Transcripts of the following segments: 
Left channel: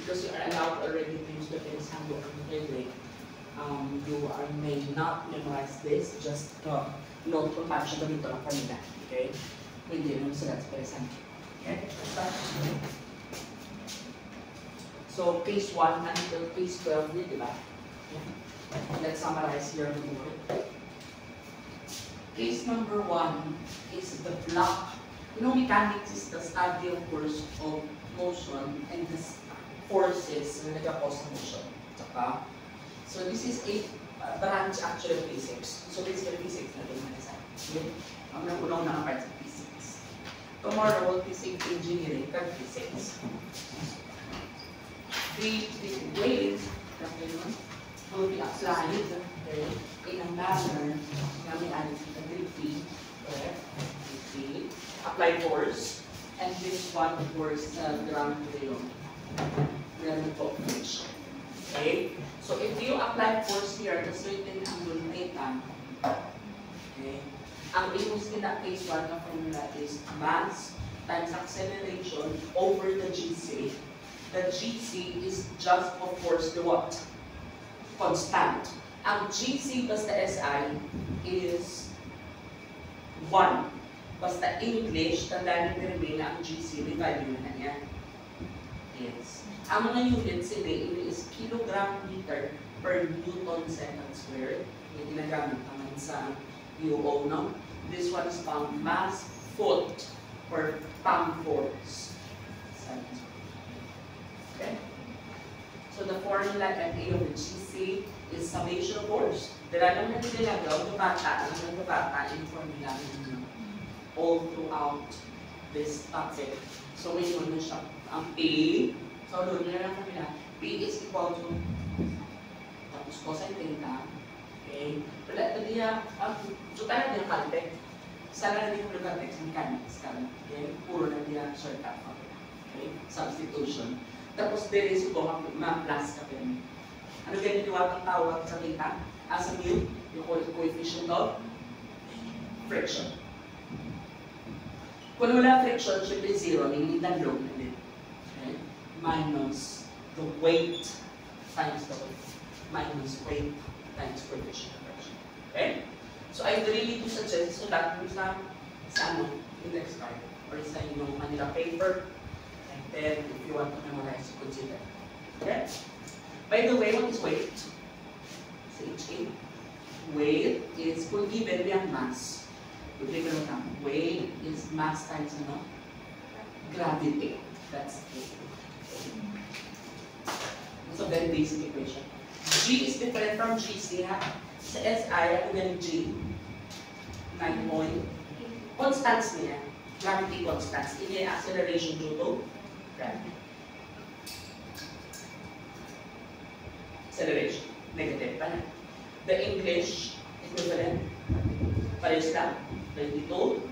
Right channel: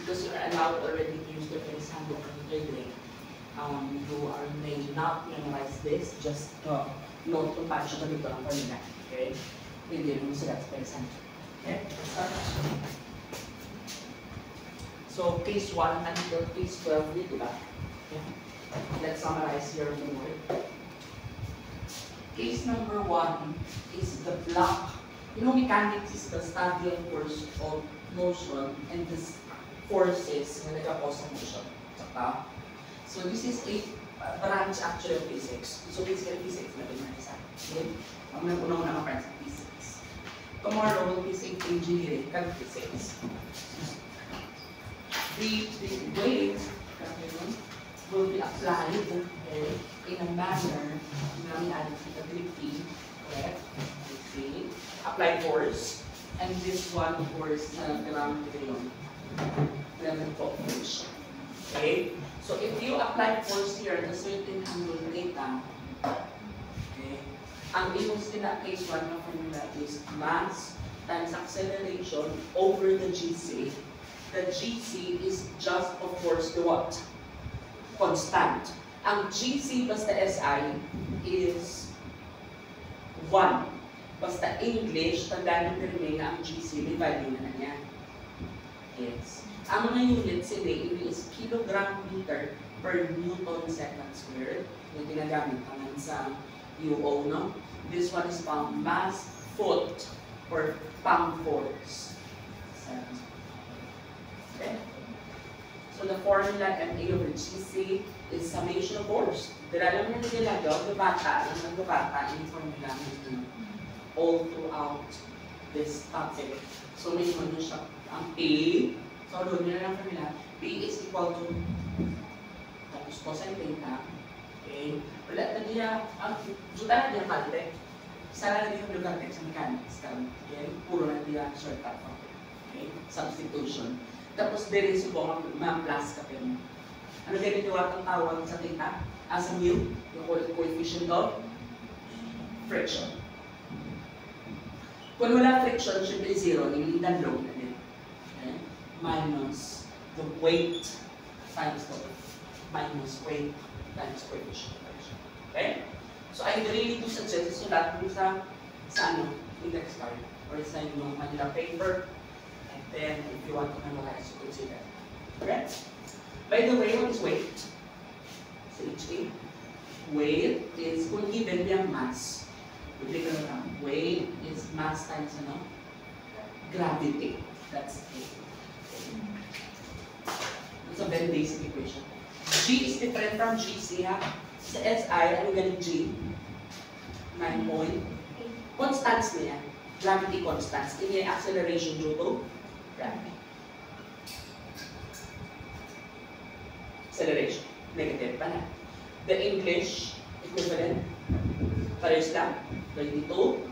because you are allowed already to use the Phoenix Handbook completely, may not memorize this, just note kung paano siya gamitin ang kanila. Okay? Hindi naman sila sa Phoenix Handbook. Okay? So, case 1 until case 12, di ba? Yeah. Let's summarize here more. Case number 1 is the block. You know, mechanics is the study of force of motion and the forces na nag-cause ng motion. So this is a branch actually of physics. So basically physics na din isa. Okay? Ang unang na part sa physics. Tomorrow will be physics engineering, kan physics. The wave will be applied in a manner na may added sa gravity, correct? Applied force, and this one, of course, ground friction. Okay? So if you apply force here at a certain angle theta, okay, ang imos in that case, one ng formula is mass times acceleration over the GC. The GC is just, of course, the what? Constant. Ang GC basta SI is 1. Basta English, tandaan nyo rin na ang GC, may value na niya. Yes. Ang mga units ini is kilogram meter per Newton second squared. Yung ginagamit naman sa UO, no? This one is pound mass foot per pound force. Okay? So the formula MA over GC is summation of force. Dala naman natin nilagaw, nagbabata yung formula all throughout this topic. So may naman siya ang P. So doon nyo na lang formula. P is equal to tapos cosine theta. Okay? Wala na niya, juta na niya caltech. Sana na niya caltech sa mechanics. Okay? Puro na niya shortcut. Okay? Substitution. Tapos there is yung mga plus ka pero. Ano ganito ang tawag sa theta? As a mu, yung coefficient of friction. Kung wala friction, syempre zero, nilitan low na din. Okay? Minus the weight times the weight. Minus weight times coefficient of friction. Okay? So I really do suggest sulat mo sa ano, index card or sa inyong Manila paper. And then, if you want to memorize, you consider. Okay? By the way, what is weight? HA. Weight is, kung given yung mass, weight is mass times gravity. That's it. It's a very basic equation. G is different from GC. Sa SI, ano galing G? 9 point. Constants niya. Gravity constants. Hindi acceleration due to gravity. Acceleration. Negative pa na. The English equivalent. Parehas lang. 22.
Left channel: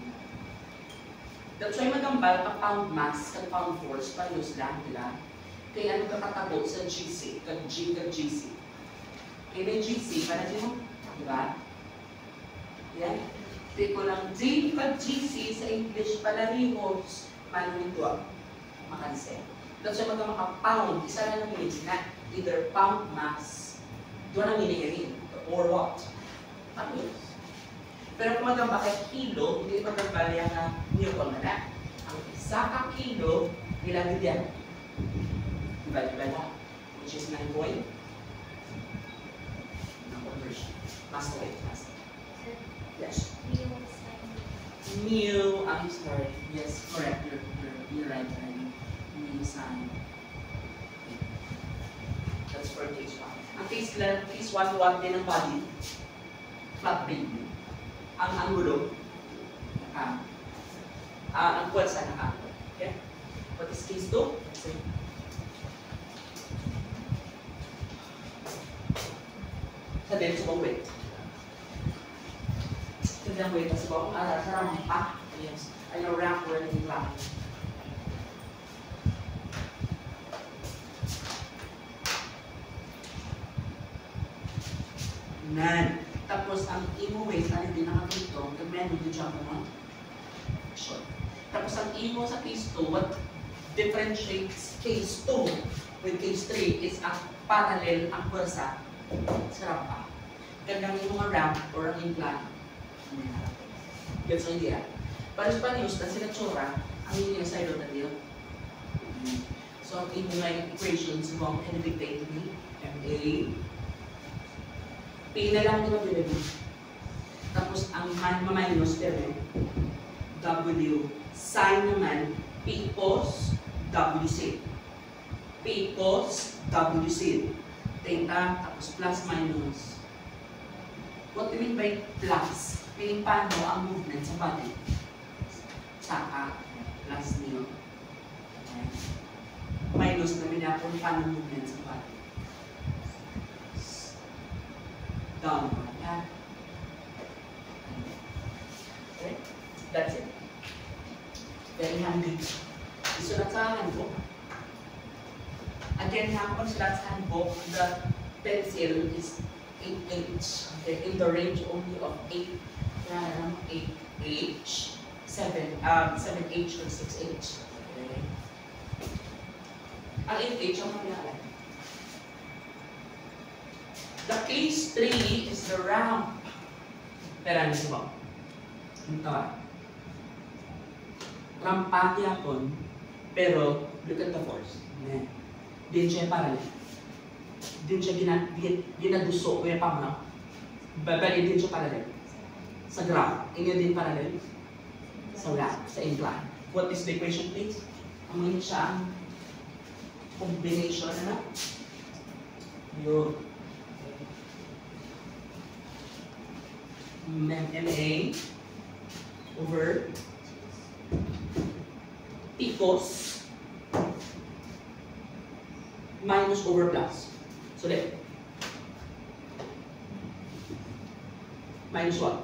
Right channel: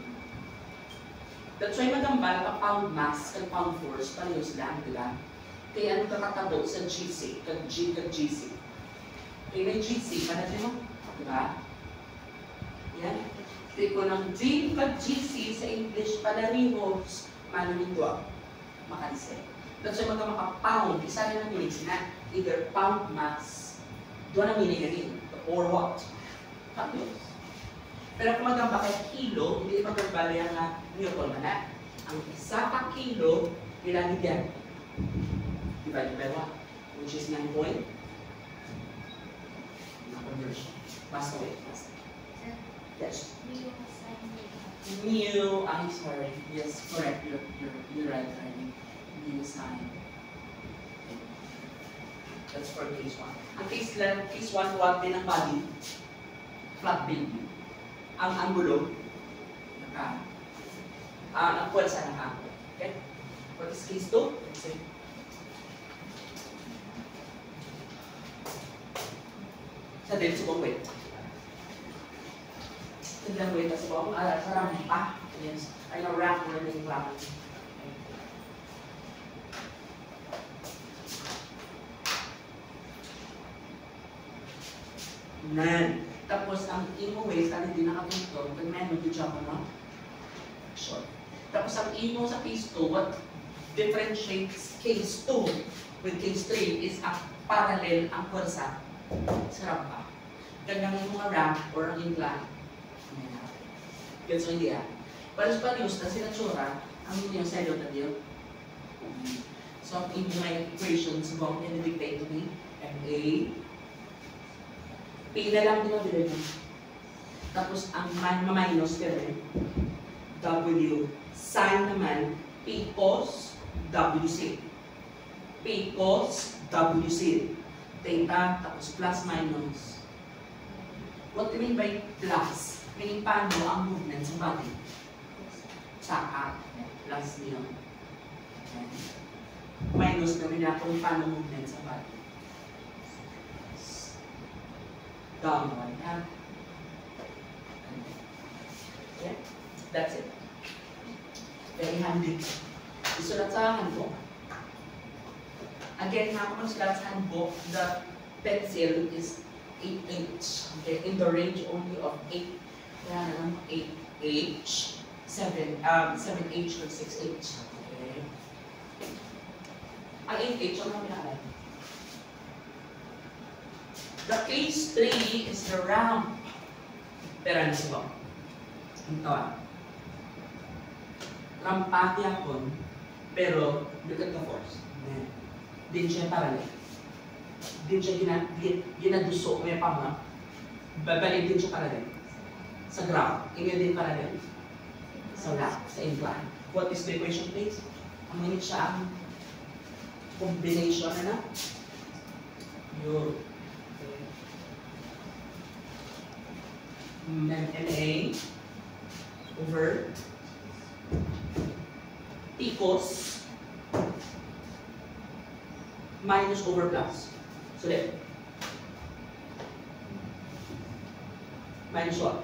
That's why magambal ka pound mass kag pound force, parehas lang, di ba? Kaya ano kakatabo sa GC, kag G kag GC. Kaya may GC, panagin mo, di ba? Yan. Di ko ng G kag GC sa English palarihos, manong ito, makanse. That's why magka-pound, isa na ng minutes na, either pound mass, doon ang miniri, or what? Parehas. Pero kung magamba kay kilo, hindi magamba niya nga Newton na. Ang isa ka kilo, ilan yan? Divide by 1, which is 9 point. Basta wait, basta. Yes. Mu, I'm sorry. Yes, correct. You're right, Hardy. Mu sign. That's for case 1. Ang case 1, tuwag din ang body. Flat building. Ang angulo, ang pwersa ng angulo. Okay? What is case 2? Let's say. Sa din sa bong weight. Sa din weight sa bong, sa ramang pa. Ay na ramp running lang. Nan. Tapos ang imo weight, ano din nakapunto, the menu di dyan mo, short. Tapos ang imo sa case 2, what differentiates case 2 with case 3 is ang parallel ang pwersa sa rampa. Kanyang yung mga ramp or ang incline. Gets mo hindi ah? Panos-panos na sila tsura ang inyong side of the deal. So, ang inyong equations mo can dictate to me MA P na lang din ang bilhin. Tapos, ang minus pero W sin naman P cos WC. P cos WC. Theta, tapos plus minus. What do you mean by plus? Meaning paano ang movement sa body? Saka, plus niyo. Minus na minapon paano movement sa body. Downward. Yeah. Okay? That's it. Very handy. Isulat sa handbook. Again, nakapagsulat sa handbook, the pencil is 8H. Okay, in the range only of 8. 8H, 7H, or 6H. Okay. Ang 8H, ang mga the case 3 is the ramp. Pero ano siya? Ito ah. Rampa yapon, pero look at the force. Din siya parallel. Din siya ginaduso, kaya pa mo. Babali din siya parallel. Sa ground. Inyo din parallel. Sa ramp, sa incline. What is the equation, please? Amoy siya ang combination na yung MA over P cos minus over plus. So there. Minus what?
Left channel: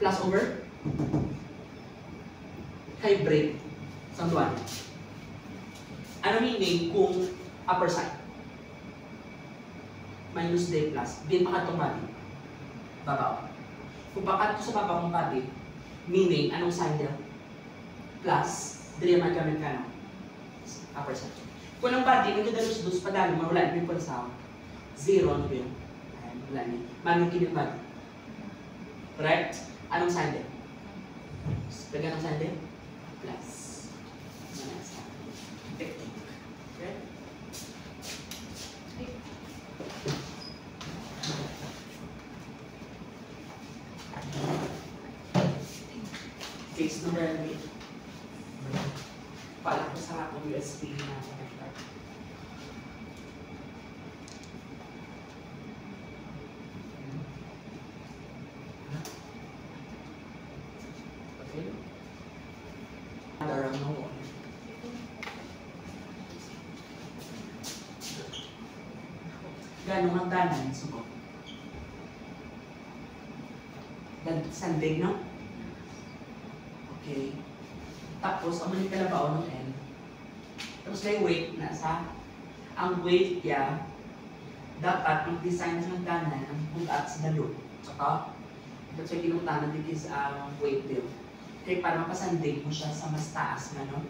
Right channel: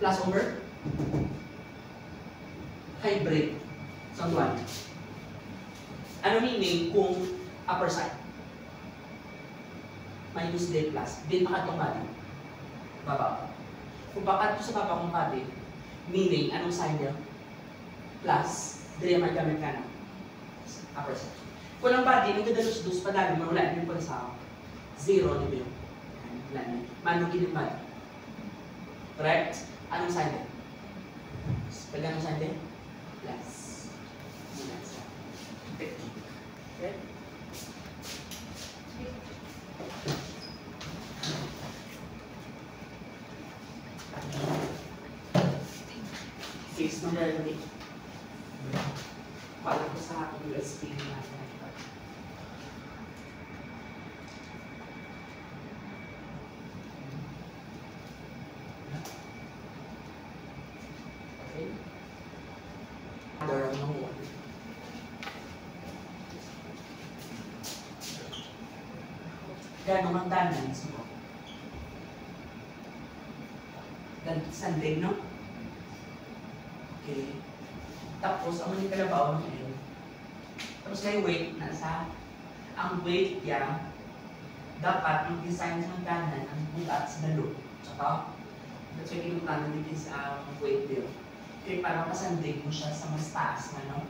Plus over hybrid. Saan tuwan? Ano meaning kung upper side? Minus D plus. Din makatong body. Babaw. Kung bakat sa babaw ng body, meaning, anong sign niya? Plus, dili man gamit ka na. Upper side. Kung ang body, nagdadalos-dos, padali, mawala din po sa 0 ni Bill. Wala niya. Manukin yung body. Correct? Anong sign din? Pag anong sign din? Plus. Okay? Case number 8. Paalam ko sa atong USB na connector. Okay. Other mo. Gano'ng ang tanan mo? Sanding, no? Okay. Tapos, ang mali kalabaw ng L. Tapos may weight na sa. Ang weight niya, dapat mag-design sa nagdanan ang bulat sa dalo. Tsaka, that's why kinuntanan din is weight deal. Okay, para makasandig mo siya sa mas taas na, no?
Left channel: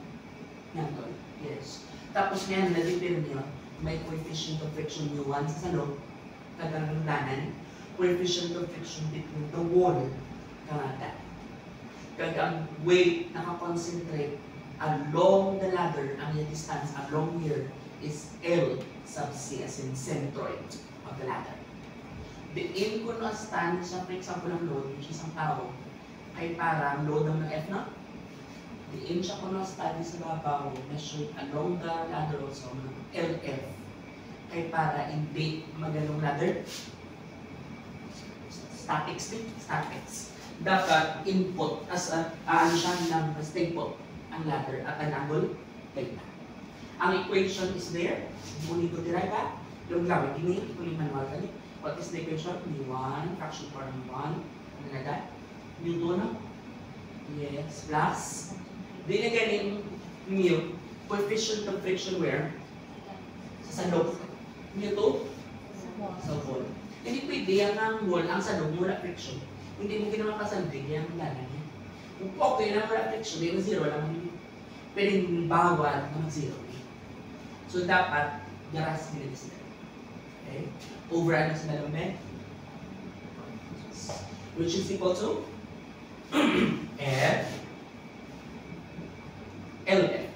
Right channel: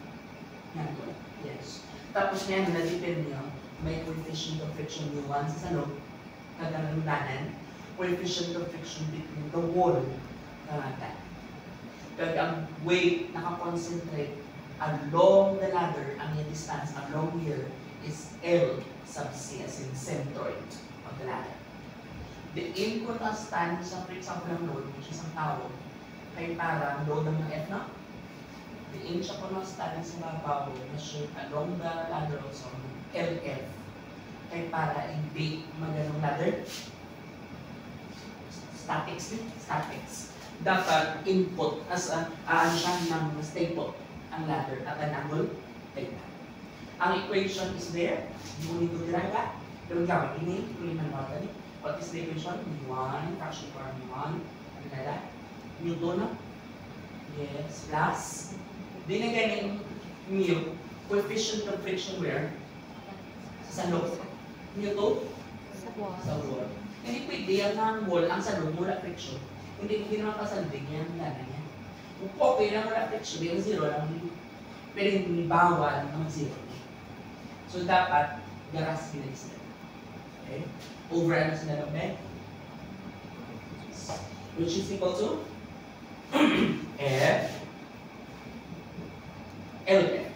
Nandun. Yes. Tapos yan, na-depend nyo, may coefficient of friction U1 sa salo, nagdanan, coefficient of friction between the wall, karanta. Kaya ang weight nakakonsentrate along the ladder, ang yung distance along here is L sub C as in centroid of the ladder. The inconstant sa, for example, ng load, which is ang tawag, kay para load ng F na. The inconstant sa babaw measured along the ladder also, LF. Kay para hindi maganong ladder. Statics. Dapat input as ano siya ng staple ang ladder at an angle theta. Ang equation is there. You need to derive that. Yung gamit ini, yung manual tadi. What is the equation? mu1 fraction for mu1. Ano na that? mu2 no? Yes, plus. Di na galing mu coefficient of friction where? Sa loob. mu2? Sa wall. Hindi pwede yan ng wall ang sa loob mula friction. Hindi mo ginawa kasandig yan, lala niya. Kung okay lang wala friction, di zero lang kami. Pero hindi bawal na mag-zero. So dapat, garas bilis na. Okay? Over ano sa nalamit? Which is equal to F LF.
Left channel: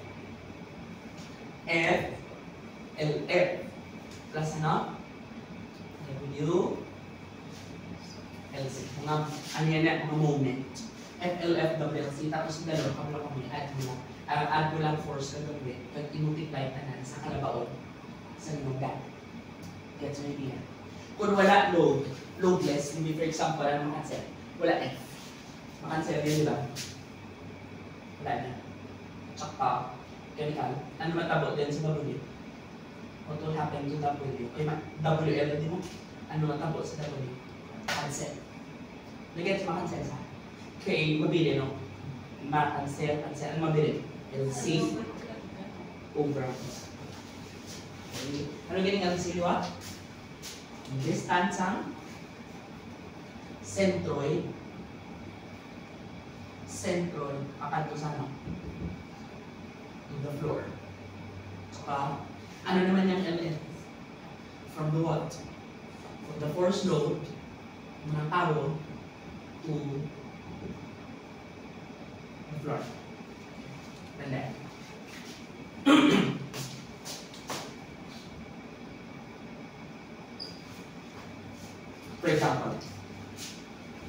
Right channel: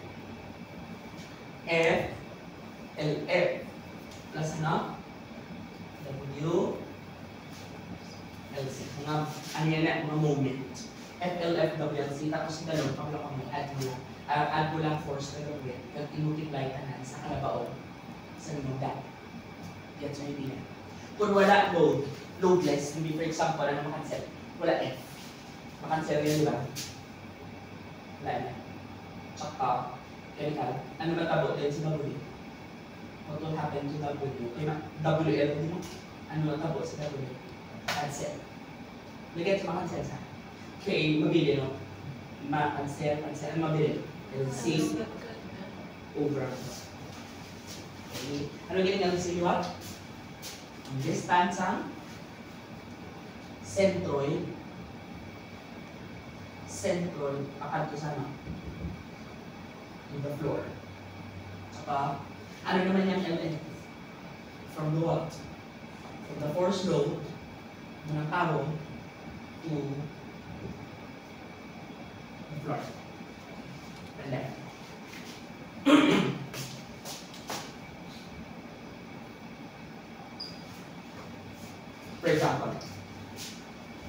F LF plus ano? W LC. Mga, ano yan na, mga moment. FLF, WLC, tapos dalawa, kapag kami, add mo lang force na gawin, at i-multiply ka na sa kalabaon sa lumagdan. Gets mo yung idea. Kung wala load, loadless, hindi for example, ano makancel? Wala F. Makancel yan, di ba? Wala na. Tsaka, chemical, ano matabo din sa W? What will happen to W? Okay, WL din mo? Ano matabo sa W? Cancel. Nag-gets makancel sa? Okay, mabili, no? Ma-cancel, ano mabili? LC over. Okay. Ano galing ang siliwa? Distansang centroid akan to sana to the floor. Saka, ano naman yung LN? From the what? From the force load ng tao to the floor. And then, for example,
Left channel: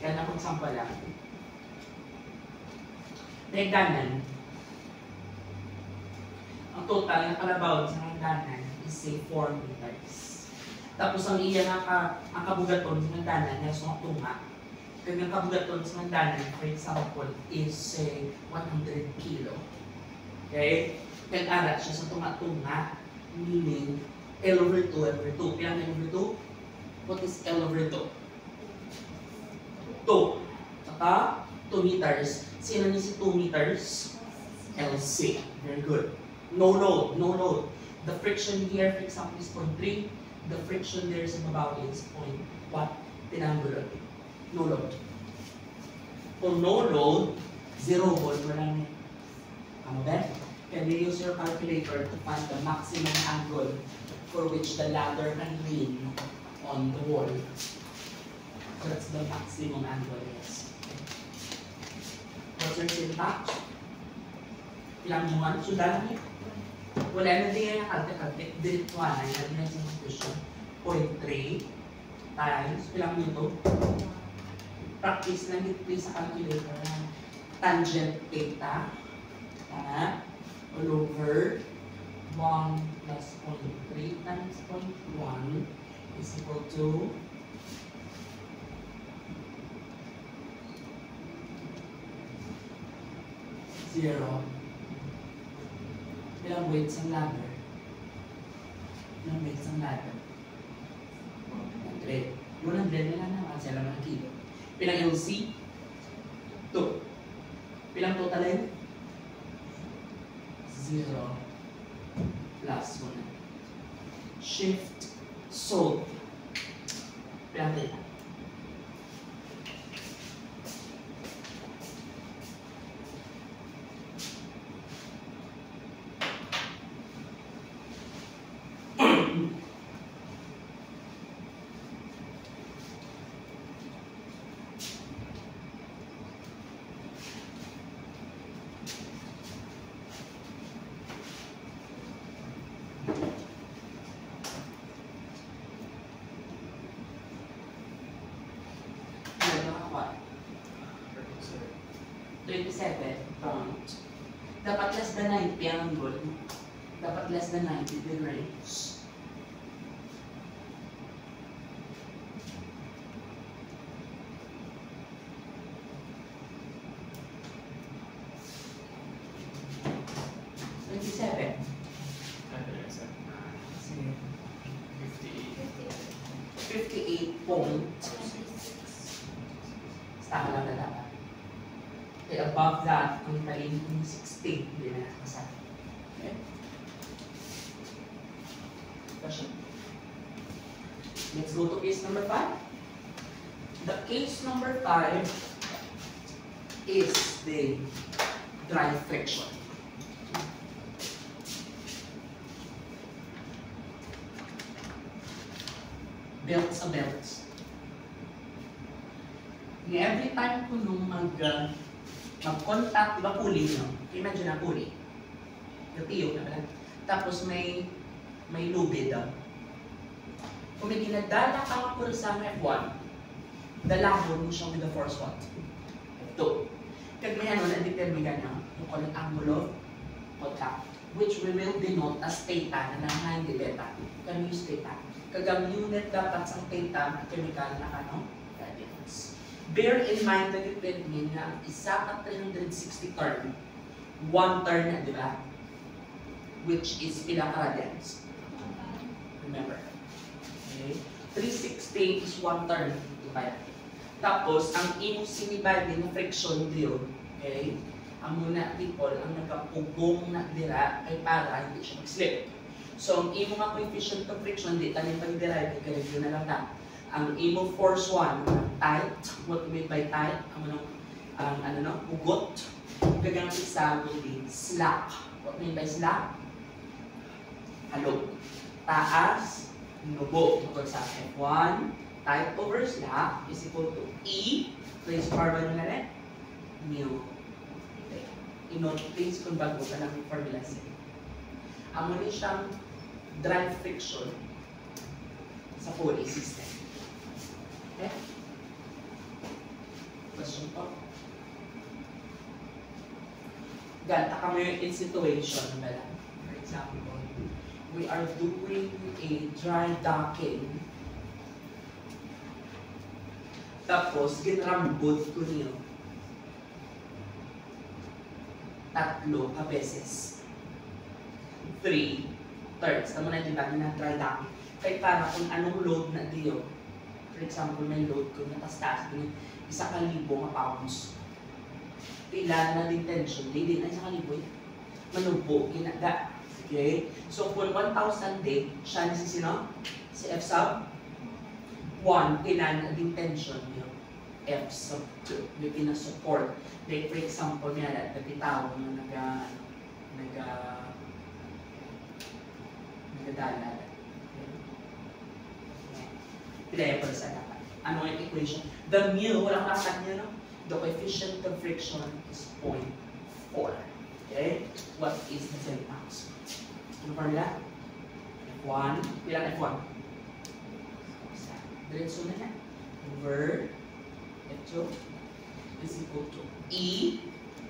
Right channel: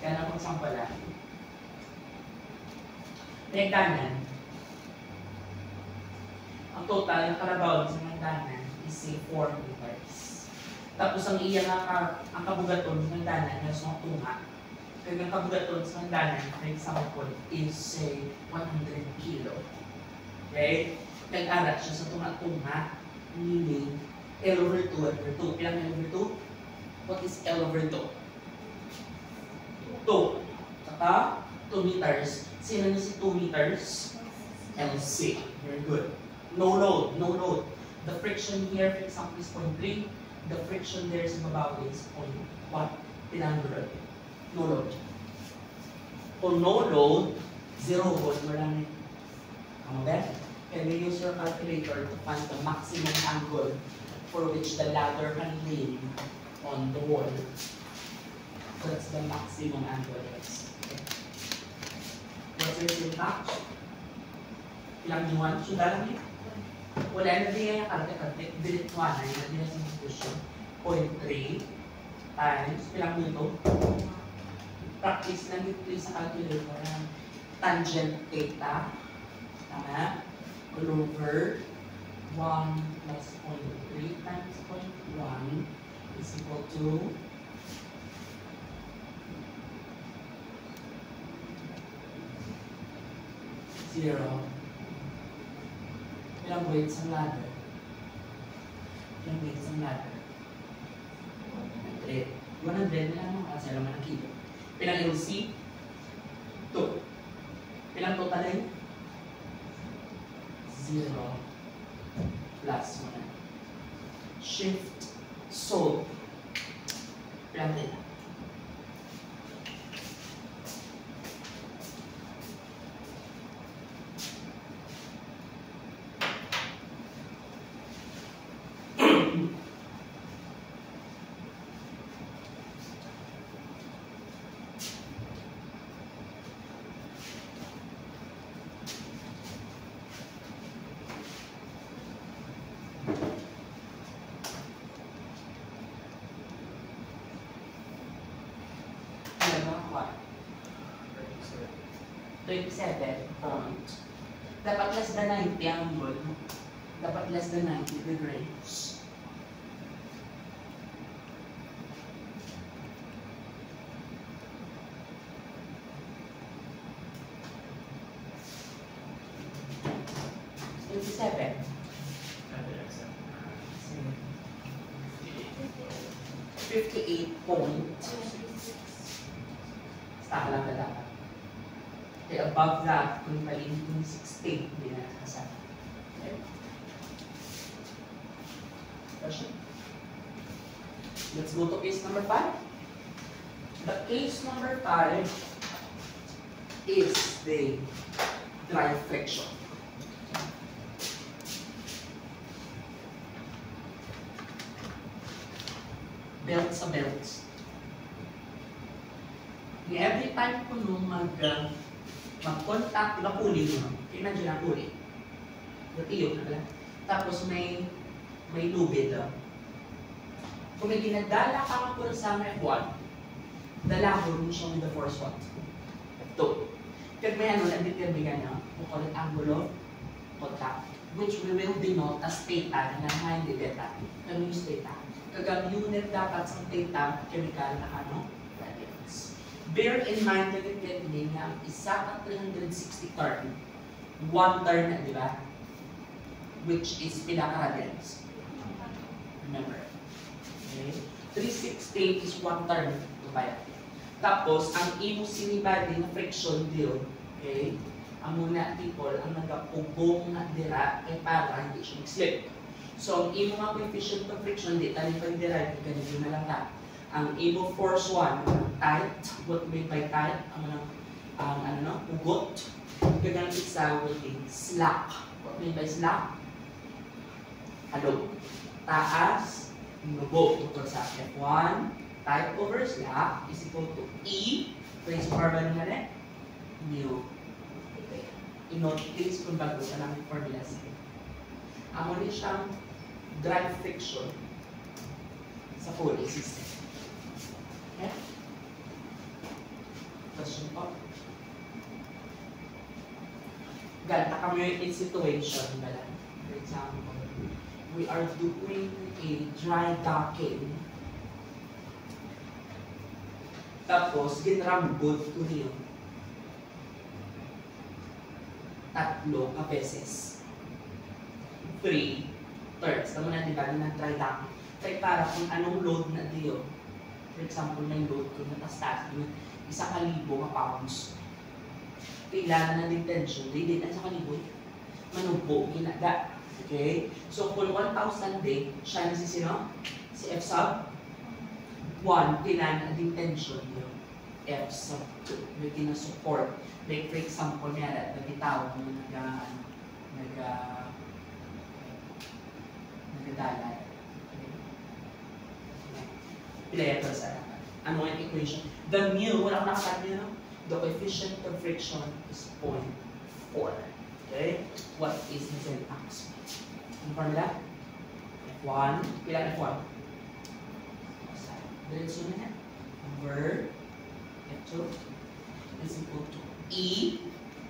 kaya na example lang. Hagdanan, ang total ng kalabaw sa hagdanan is say 4 meters. Tapos ang iya ang kabugaton sa hagdanan na sa tunga. Kaya ang kabugaton sa hagdanan, for example, is say 100 kilo. Okay? Nag-arat siya sa tunga-tunga, meaning L over 2 over 2. Pilang L over 2? What is L over 2? 2. Saka 2 meters. Sino niya si 2 meters? LC. Very good. No load. No load. The friction here, for example, is 0.3. The friction there sa babaw is 0.1. Pinanggulod. No load. Kung no load, 0 volt, wala na. Ano ba? Can you use your calculator to find the maximum angle for which the ladder can lean on the wall? So that's the maximum angle, yes. What's your syntax? Ilang nuan? Sudah lang yun. Wala na din yung kalte-kalte. Dirituan na yun yung substitution. 0.3 times, ilang nito? Practice lang yun sa calculator. Tangent theta. Tama? All over 1 plus 0.3 times 0.1 is equal to 0. Ilang weights ang ladder? Ilang weights ang ladder? 100. 100 na lang naman sa laman ng kilo. Pilang LC? 2. Pilang total yun? 0 plus 1. Shift, solve. Pilang tayo. What? 27 point. Dapat less than 90 ang goal. Dapat less than 90 degrees. Staka lang na dapat. Okay, above that, kung palin yung 60, hindi na nakasama. Okay? Question? Let's go to case number 5. The case number 5 is the drive friction. Belt sa belts. Every time ko nung mag-contact, diba pulley no? Imagine na pulley. Yung tiyo na pala. Tapos may lubid. Kung may ginadala ka ko sa F1, dalahon mo siya with the force what? F2. Kaya may na-determine yung call it angle of contact, which we will denote as theta na hindi beta. Can we use theta? Kagang unit dapat sa theta, chemical na radians. Bear in mind na depende na isa ka 360 turn, one turn na, di ba? Which is pinaka-radians. Remember. Okay? 360 is one turn. Diba? Tapos, ang imo sinibadi na friction deal, okay? Ang muna people, ang nagkapugong na dira ay para hindi siya mag-slip. So, ang imo nga coefficient of friction, di tayo pag-derive, ganito na lang na. Ang imo force 1, tight, what we mean by tight, ang ugot. Gagang isa would be slack. What we mean by slack? Halog. Taas, nubo. Tungkol sa F1, tight over slack is equal to E, raised to power na rin, mu. I-note please kung bago ka lang yung formula C. Amo rin siyang drive friction sa pulley system. Okay? Question po? Ganta kami in situation, bala. For example, we are doing a dry docking. Tapos, ginrambod ko niyo. Tatlo ka beses. 3 turns. Tama na, di ba? Na dry docking. Kaya para kung anong load na diyo. For example, may load ko na tas-tas. 1,000 pounds. Kailangan na din tension. Hindi na 1,000 eh. Manubo, ginaga. Okay? So, kung 1,000 day, siya na si sino? Si F sub 1, kailangan na din tension niyo. F sub 2. May kinasupport. Like, for example, niya, nagtitawag na nagdala. Pilaya para sa anak. Ano ang equation? The mu, wala ko nakakat niya, no? The coefficient of friction is 0.4. Okay? What is the syntax? Ano formula? F1. Kailan F1? Diretso na yan. Over F2 is equal to E.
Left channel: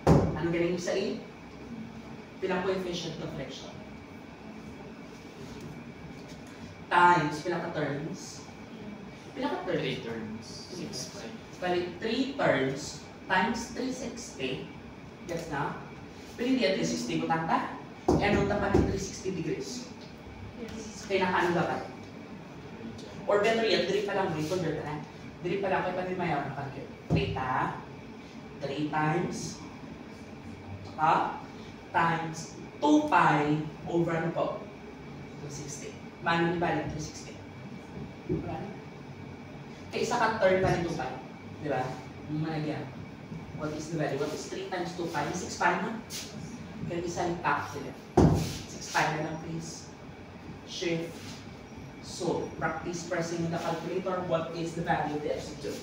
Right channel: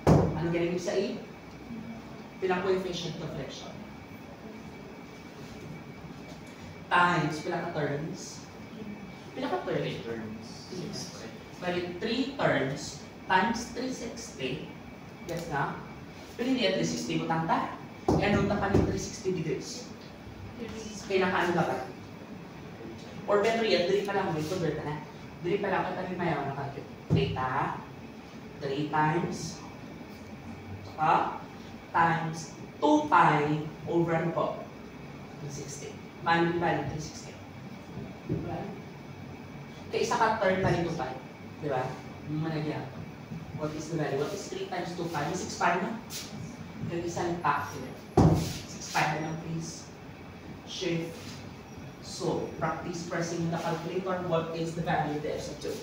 Ano galing sa E? Pilang coefficient of friction. Times, pilang ka-turns? Pilang ka-turns? 3 turns. Bali, 3 turns times 360. Gets na? Pero hindi yan 360 mo tanta. E anong tapan ng 360 degrees? Kaya nakaano dapat? Or better yet, diri pa lang, convert na. Diri pa lang, kaya pa mayroon na calculate. Theta, 3 times, saka, times 2 pi over ano po? 360. Manual value, 360. Diba? Kaya isa ka third value 2 pi. Diba? Malagyan. What is the value? What is 3 times 2 pi? May 6 pi na? Kaya isang pack sila. 6 pi na lang please. Shift. So, practice pressing the calculator. What is the value of the F sub 2?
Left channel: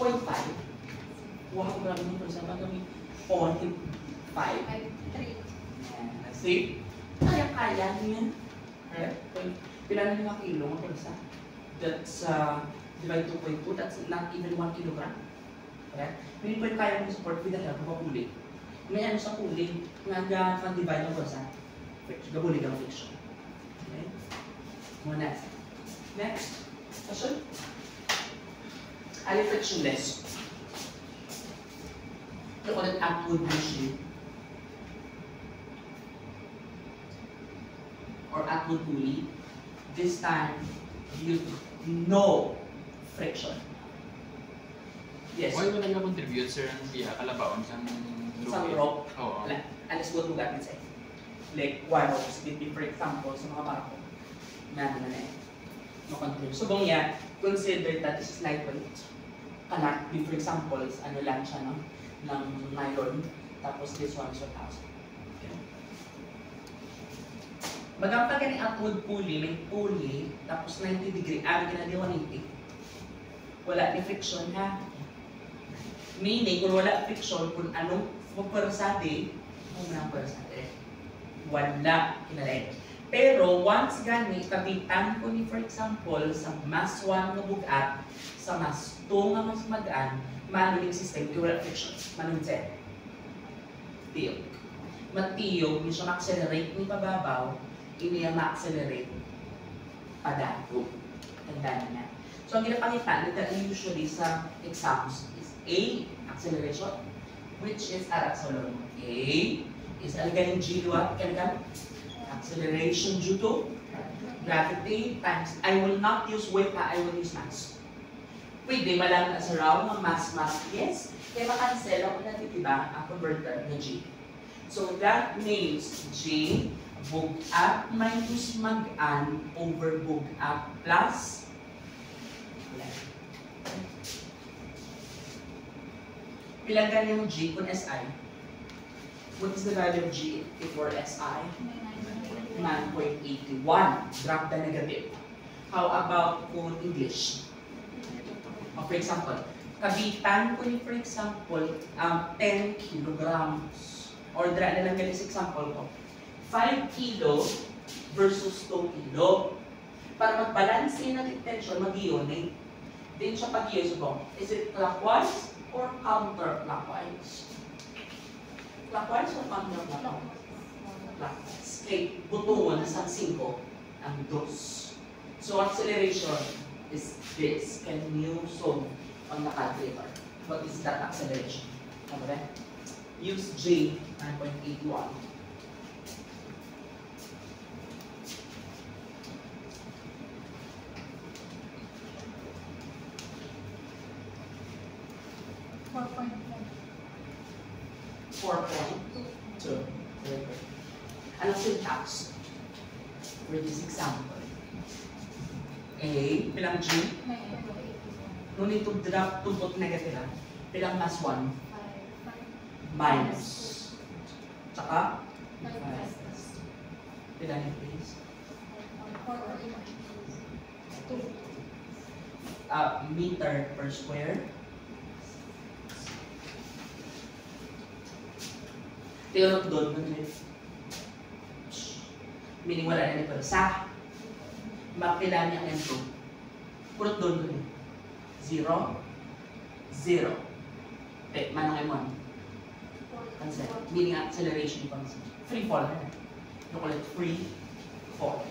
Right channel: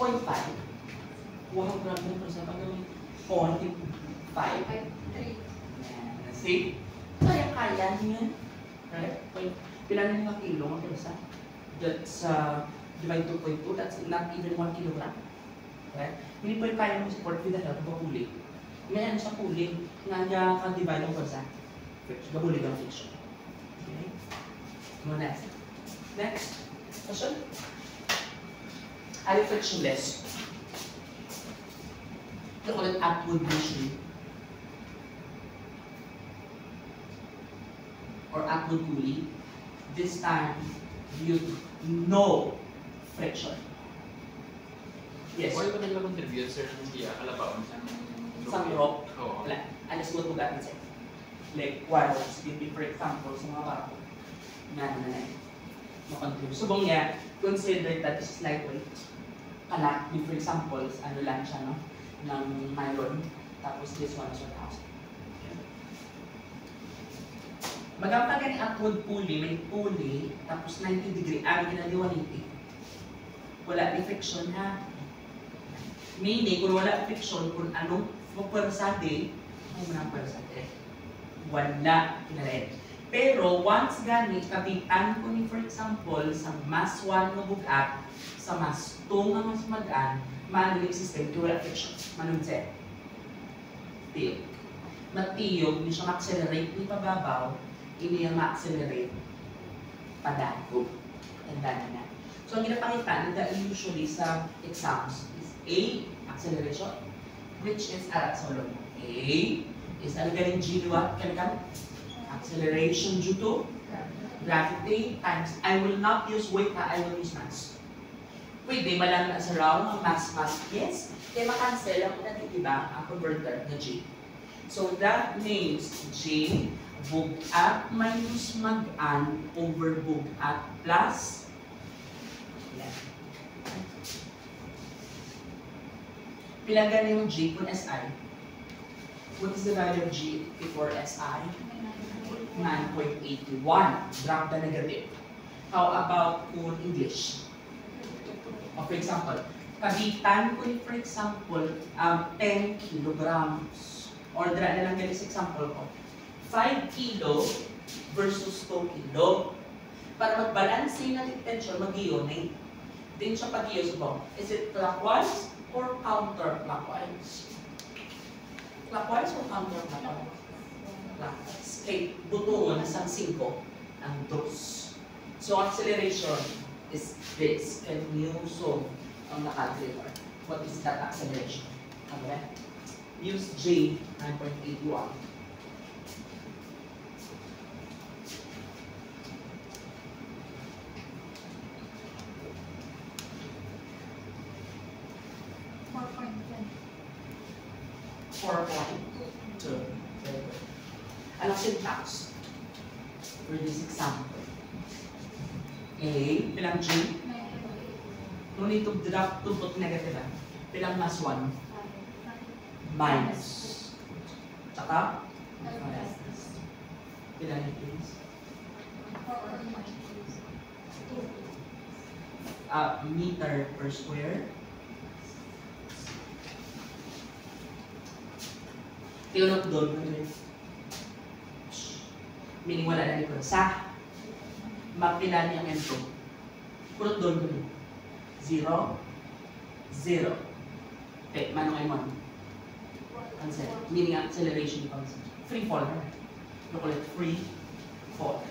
Point 5. Wow, grabe nito. Sabi kami, 0.5. See? Kaya niyan. Right? Pila na nga kilo ang pulsa? That's divide 2.2. That's not even 1 kilogram. Right? Hindi po yung kaya mong support with the help of a pulley. May ano sa pulley, nga kang divide ang pulsa. Gabulig ang friction. Okay? Next. Next. Question? Are frictionless? Ito ulit Atwood machine. Or Atwood pulley. This time, you know friction. Yes. Why wala nila contribute, sir, ng biya, kalabaon Sa rope. Oo. Wala. Alas buat bugat din sa'yo. Like, one ropes, for example, sa mga barko. Na contribute. So, bang yeah, consider that is lightweight. Kanak, for example, ano lang siya, no? Ng nylon. Tapos this one is 1,000. Okay. Magampa ka ni upward pulley, may pulley, tapos 90 degree, ginali 180. Wala ni friction, ha? Meaning, kung wala friction, kung anong pwersade, kung anong pwersade, wala kinalay. Pero once gani, kapitan ko ni for example, sa mas 1 nga bugat, sa mas 2 nga mas magaan, manulig system, kung wala friction. Manulig siya. Tiyog. Matiyog, hindi siya ma-accelerate ni pababaw, hindi niya ma-accelerate padago. Tanda na. So, ang ginapangita nila usually sa exams is A, acceleration, which is arat sa lolo. A is algaling G, what? Kan? Acceleration due to gravity times. I will not use weight, I will use mass. Pwede malang as around ng mass. Yes. Kaya makancel ako natin, diba? Ang converter na G. So, that means G, bugat minus magaan over bugat plus pilagan yung G kung SI. What is the value of G before SI? 9.81. Drop the negative. How about kung English? For example, kabitan ko ni for example, 10 kilograms. Or dra na lang galing sa example ko. 5 kilo versus 2 kilo. Para mag-balansin natin tension, mag-ionate. Din siya pag-iyo mo. Is it clockwise or counterclockwise? Clockwise or counterclockwise? Clockwise. Okay, butuon sa 5 ang dos. So, acceleration is this. Can you solve on the calculator? What is that acceleration? Okay? Use J, 9.81. Anong syntax for this example? A, pilang G? No need to drop to put negative. Pilang mas 1? Minus. Tsaka? Pilang yun, please? Meter per square. Tinunod doon ng meaning wala na nito. Sa mapila niya ang M2. Purot doon doon. 0, 0. Okay, manong M1. Cancel. Meaning acceleration function. Free fall. You call it free fall.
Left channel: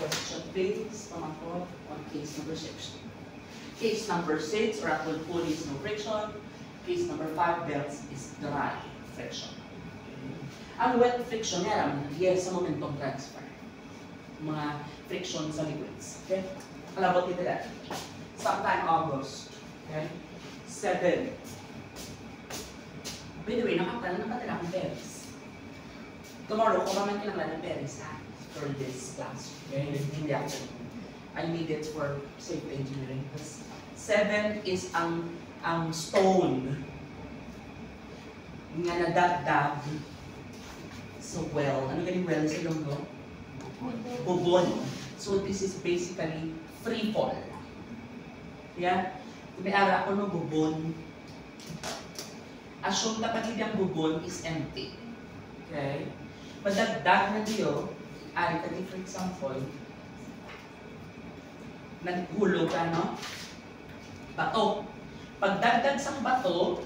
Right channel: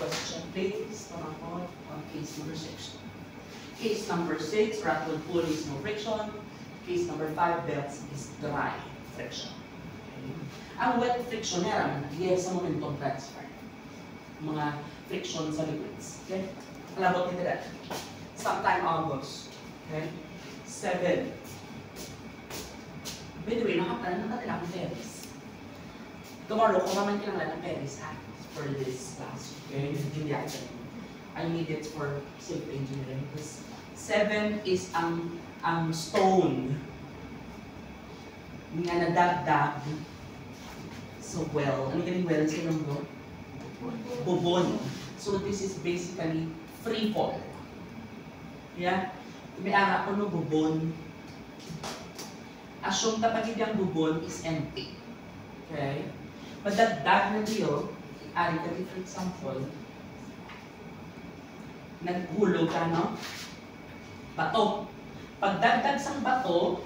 Question please. Pangako on case number 6. Case number 6, rattle pull is no friction. Case number 5, belts is dry friction. Ang wet friction, meron, yes, sa momentum transfer. Mga friction sa liquids. Okay? Kalabot nito dati. Sometime August. Okay? 7. By the way, nakatanan na ba nila akong Paris? Tomorrow, kumaman ka lang lang ng Paris, ha? For this class. Okay? Hindi ako. I need it for safety engineering. Because 7 is ang stone nga nadagdag so well. Ano galing well sa ilonggo? Bubon. So this is basically free fall. Yeah? May ara ko no bubon. Assume dapat hindi ang bubon is empty. Okay? Madagdag na diyo, ari ka for example, naghulog ka, no? Bato. Pagdagdag sang bato,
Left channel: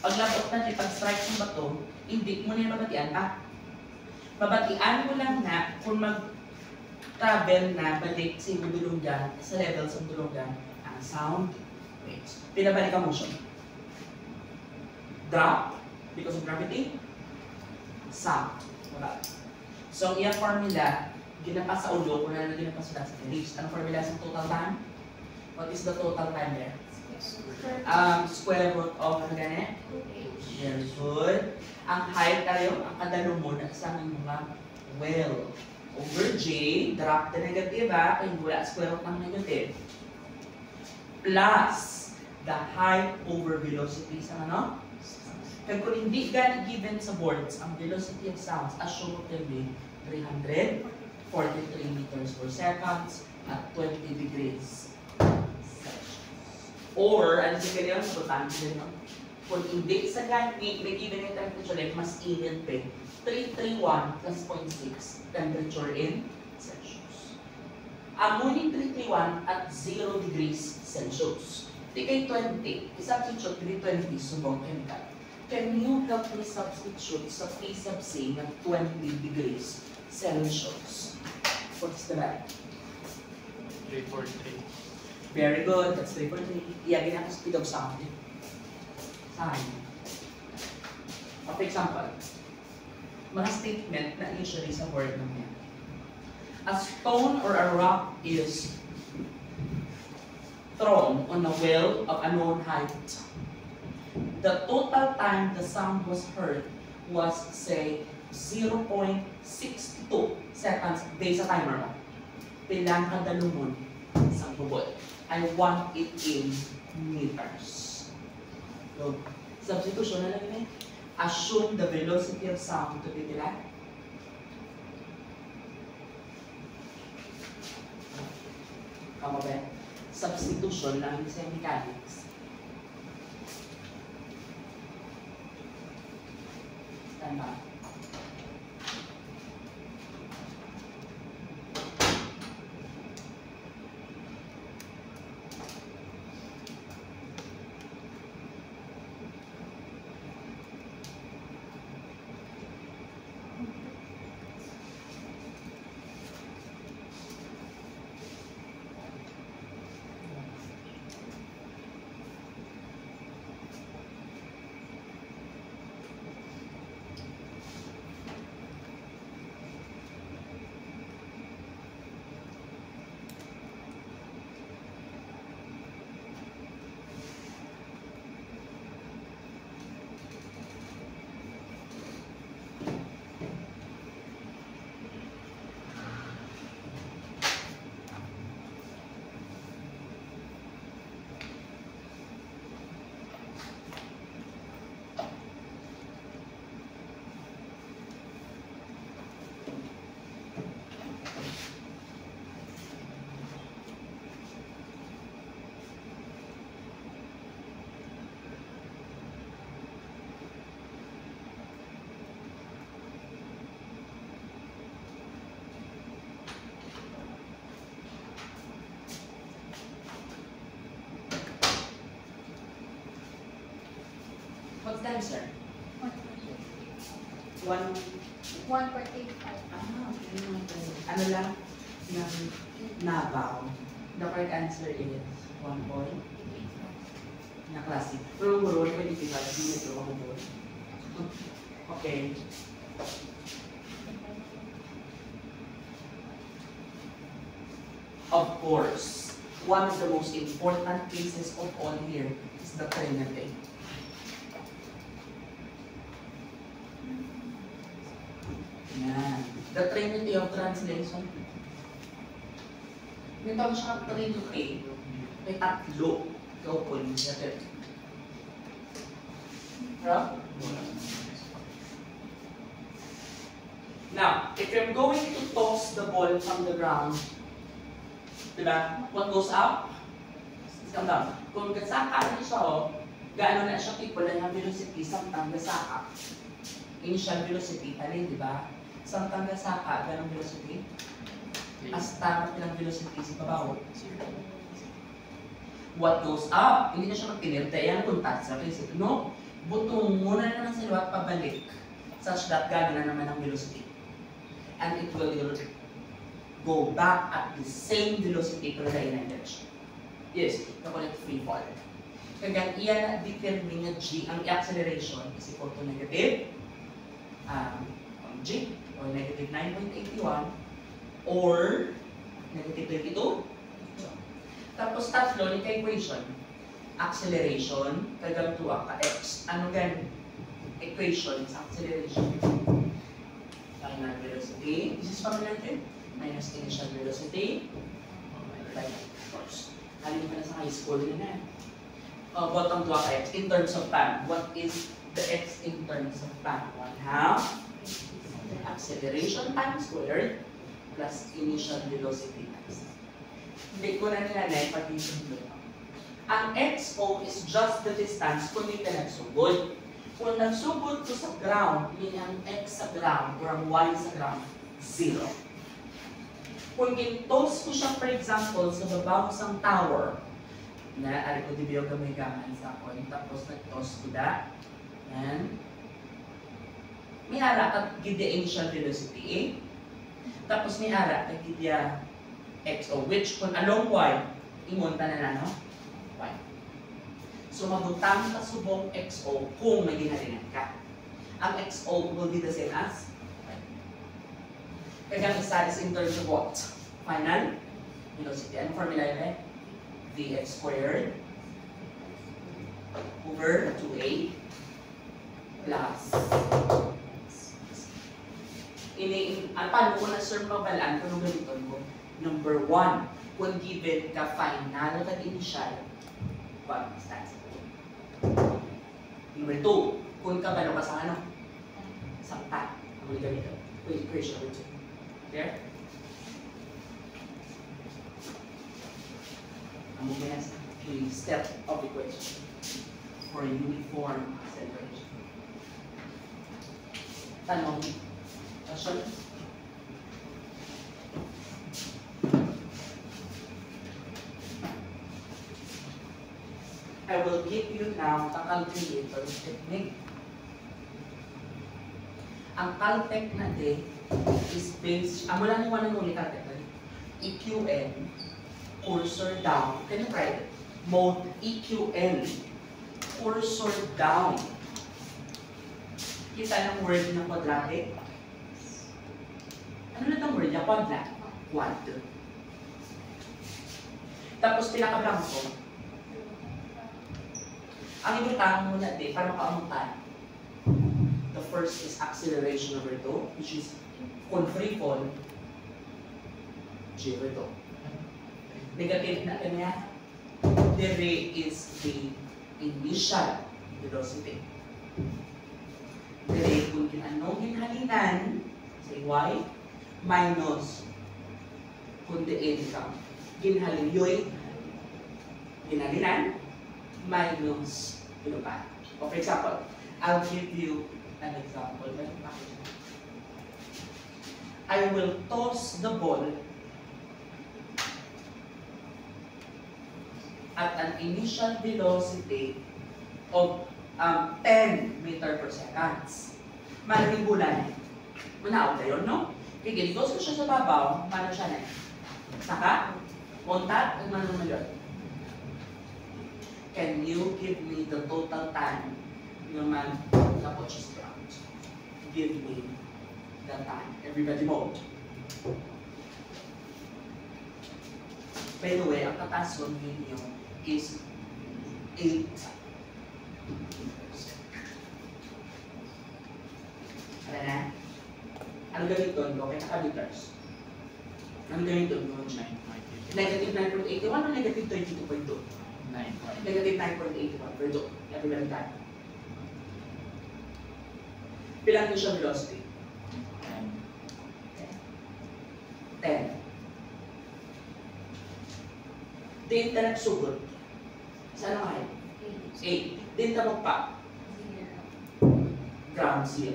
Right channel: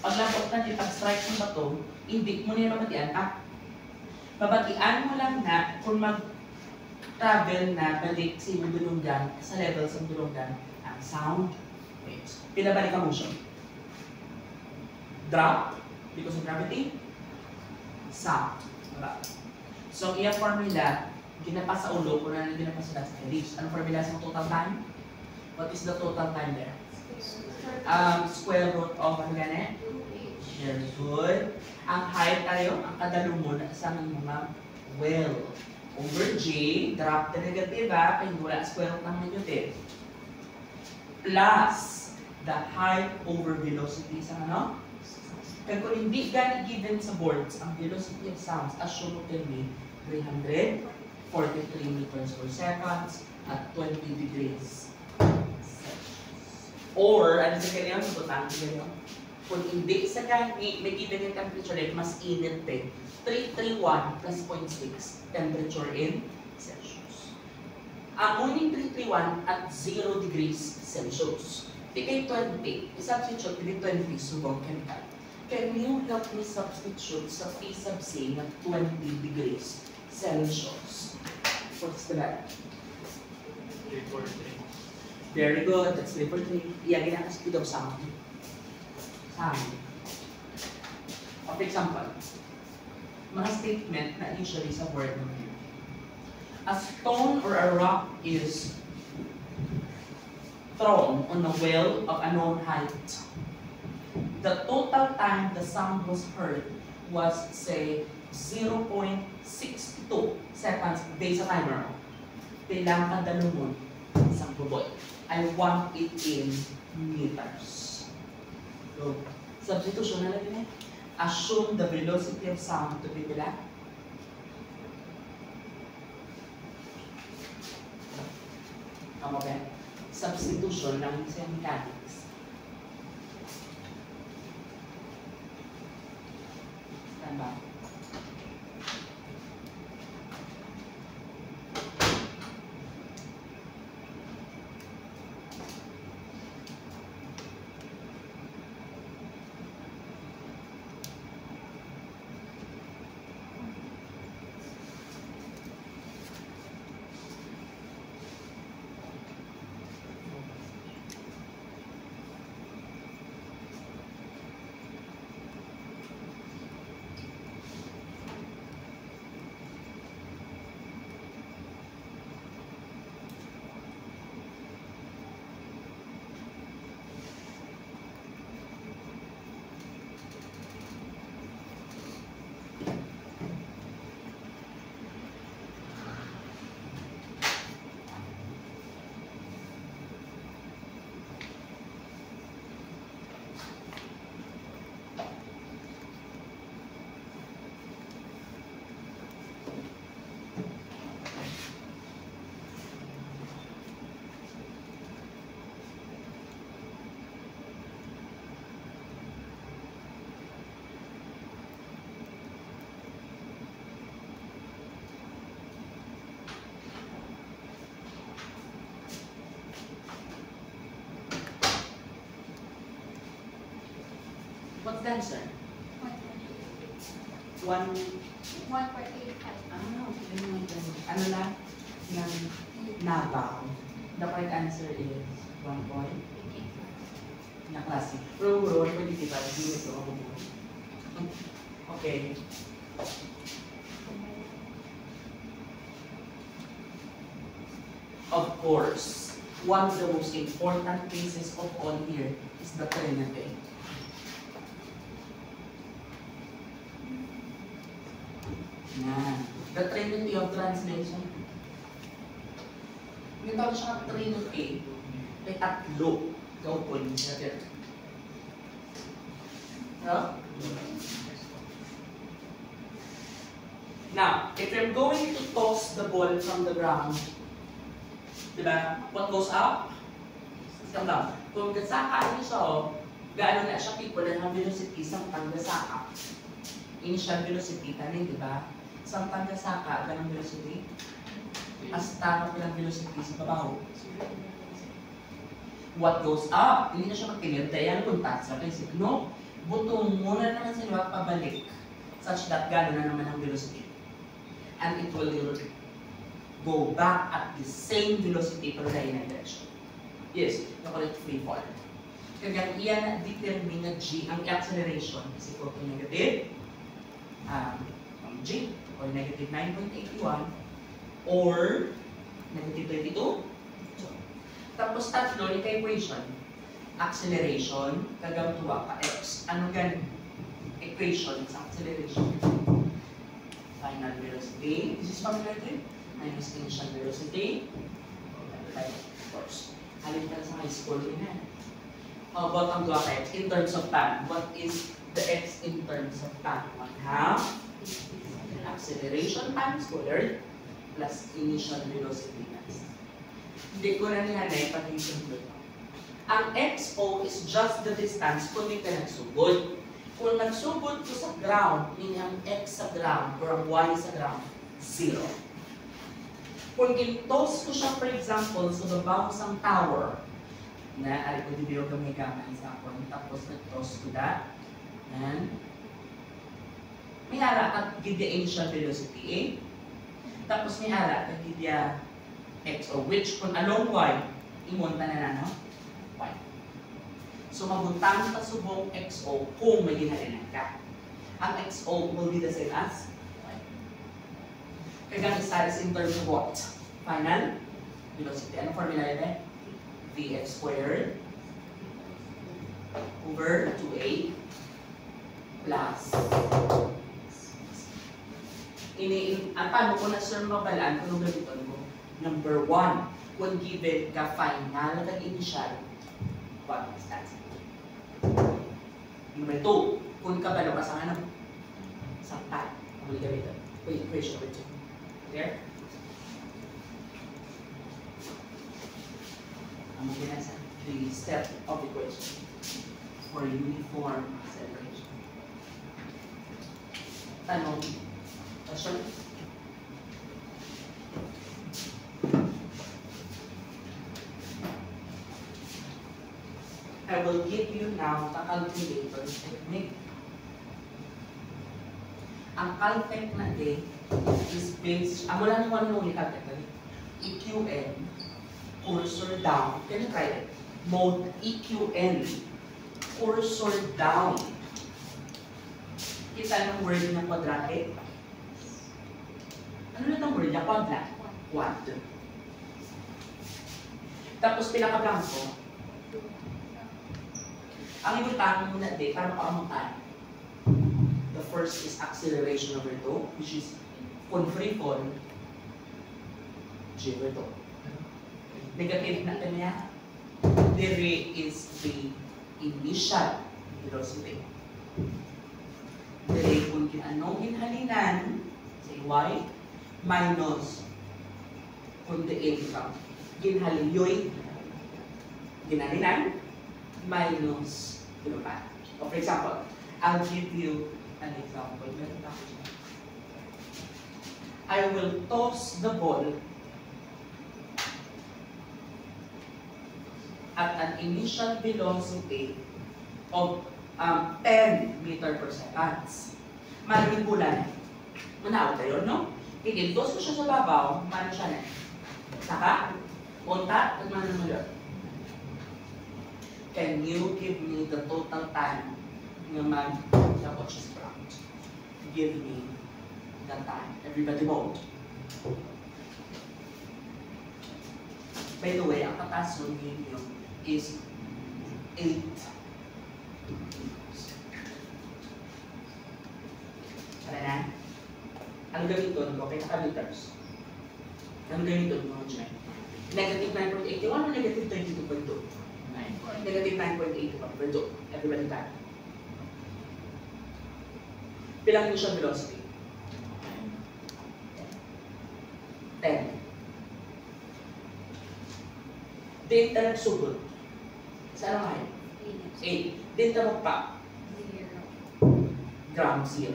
paglabot na niya, pag-strike ng bato, hindi mo niya mabatian pa. Mabatian mo lang na kung mag-travel na balik sa iyong dulunggan, sa level sa dulunggan, ang sound waves. Pinabalik ang motion. Drop, because of gravity, sound. Diba? So, iya formula Ginapas sa ulo, kung ano ginapas sa reach. Ano formula sa total time? What is the total time there? Square root of ano gani? Very good. Ang height tayo, ang kadalumon sa mga well. Over J, drop the negative ha, kaya wala square root ng negative. Plus the height over velocity sa ano? Kaya kung hindi gani given sa boards, ang velocity of sounds, assume mo can be 343 meters per seconds at 20 degrees. Or, ano sa kanya, matutan nyo? Kung hindi sa gani, may given yung temperature like mas init eh. 331 plus 0.6 temperature in Celsius. Amunin 331 at 0 degrees Celsius. Di kay 20, i-substitute hindi 20 subong chemical. Can you help me substitute sa P sub C na 20 degrees Celsius? What's the value? 343. Very good. That's 343. Iagin na speed of sound. Fine. For example, mga statement na usually sa word naman. A stone or a rock is thrown on a well of a known height. The total time the sound was heard was, say, 0.62 seconds based sa timer mo. Pilang kadalumon isang bubol. I want it in meters. So, substitution na lang yun eh. Assume the velocity of sound to be nila. Kamo ba? Substitution lang sa mechanics. Stand by. What's the answer? 1.85. Okay. Ano lang? Yung nabaw. The correct answer is 1 point. Na klase. Pero muro, pwede diba? Hindi ito ako muro. Okay. Of course, one of the most important cases of all here is the Trinity. Yan. The Trinity of translation. Yung tawag siya Trinity, may tatlo. Ikaw po niya din. Huh? Now, if you're going to toss the ball from the ground, diba? What goes up? Stand up. Kung kasaka niyo siya, gaano na siya people na velocity samtang gasaka. Initial velocity, tanin, diba? Samtang gasaka, ganong velocity? Hasta ng velocity sa babaw. What goes up? Hindi na siya magtinir, dahil contact sa principle. No, butong muna naman sila pabalik such that gano'n na naman ang velocity. And it will go back at the same velocity pero dahil na direction. Yes, na call it free fall. Kaya iyan determine na G, ang acceleration is equal to negative G or negative 9.81 or negative 22. Tapos tatlo, ni ka-equation. Acceleration, kagang tuwa ka x. Ano gan? Equation sa acceleration. Final velocity. This is familiar to you? Minus initial velocity. Like, of course. Halin ka na sa high school rin yan. Bottom tuwa ka x. In terms of time, what is the x in terms of time? 1/2 acceleration time squared plus initial velocity times. Hindi ko na nila na-ipag-simple. Ang XO is just the distance kung hindi ka nagsugod. Kung nagsugod ko sa ground, yun ang X sa ground or ang Y sa ground, 0. Kung in-toss ko siya, for example, sa baba ko sa tower, na ay ko dibiyo gamay gamay sa ako, tapos nag-toss ko that, and may ara at gidya initial velocity A, tapos may ara at gidya XO, which kung anong Y, imunta na no? Y. So mabuntang ka subong XO kung may ginhalinan ka. Ang XO will be the same as Y. Kaya isa is in terms of what? Final velocity. Ano formula yun? Vx squared over 2a plus ang tanong ko na sir mabalaan kung ganito mo. Number 1, kung given ka final at initial, what is that? Number 2, kung kabalo ka sa ano? Sa path. Ang ganito. Equation number 2. Clear? Ang mga sa the step of equation for uniform acceleration. Tanong. Question? I will give you now the calculator technique. Ang caltech natin is based, wala nang one and only caltech. EQN, cursor down. Can you try it? Mode EQN, cursor down. Kita ng word ng quadratic? Ano na itong word niya? Quadrat. Quad. Tapos pinaka-blanco. Ang ibutang muna din, para makaamutan. The first is acceleration over 2, which is kung free fall, 0 to. Negative na kanya. There is the initial velocity. There kung anong ginhalinan sa y minus kung the income ginhalinyoy ginhalinan minus pa. For example, I'll give you an example. I will toss the ball at an initial velocity of 10 meter per second. Maraming bulan. Muna out yun, no? Kikiltos ko siya sa babaw, mano siya na. Saka, kontak, at mano naman yun. Can you give me the total time naman the watch is ground? Give me the time. Everybody vote. By the way, ang katason ninyo is 8. Ano na? Ano gamiton ko? Kaya ka-meters. Ano gamiton mo dyan? Negative 9.81 o negative 32.2? Negative 9.81. Pero everybody time. Pilang initial velocity? 10. Din ta nagsugod. Saan ang height? 8. Din ta magpa? 0. Gram 0.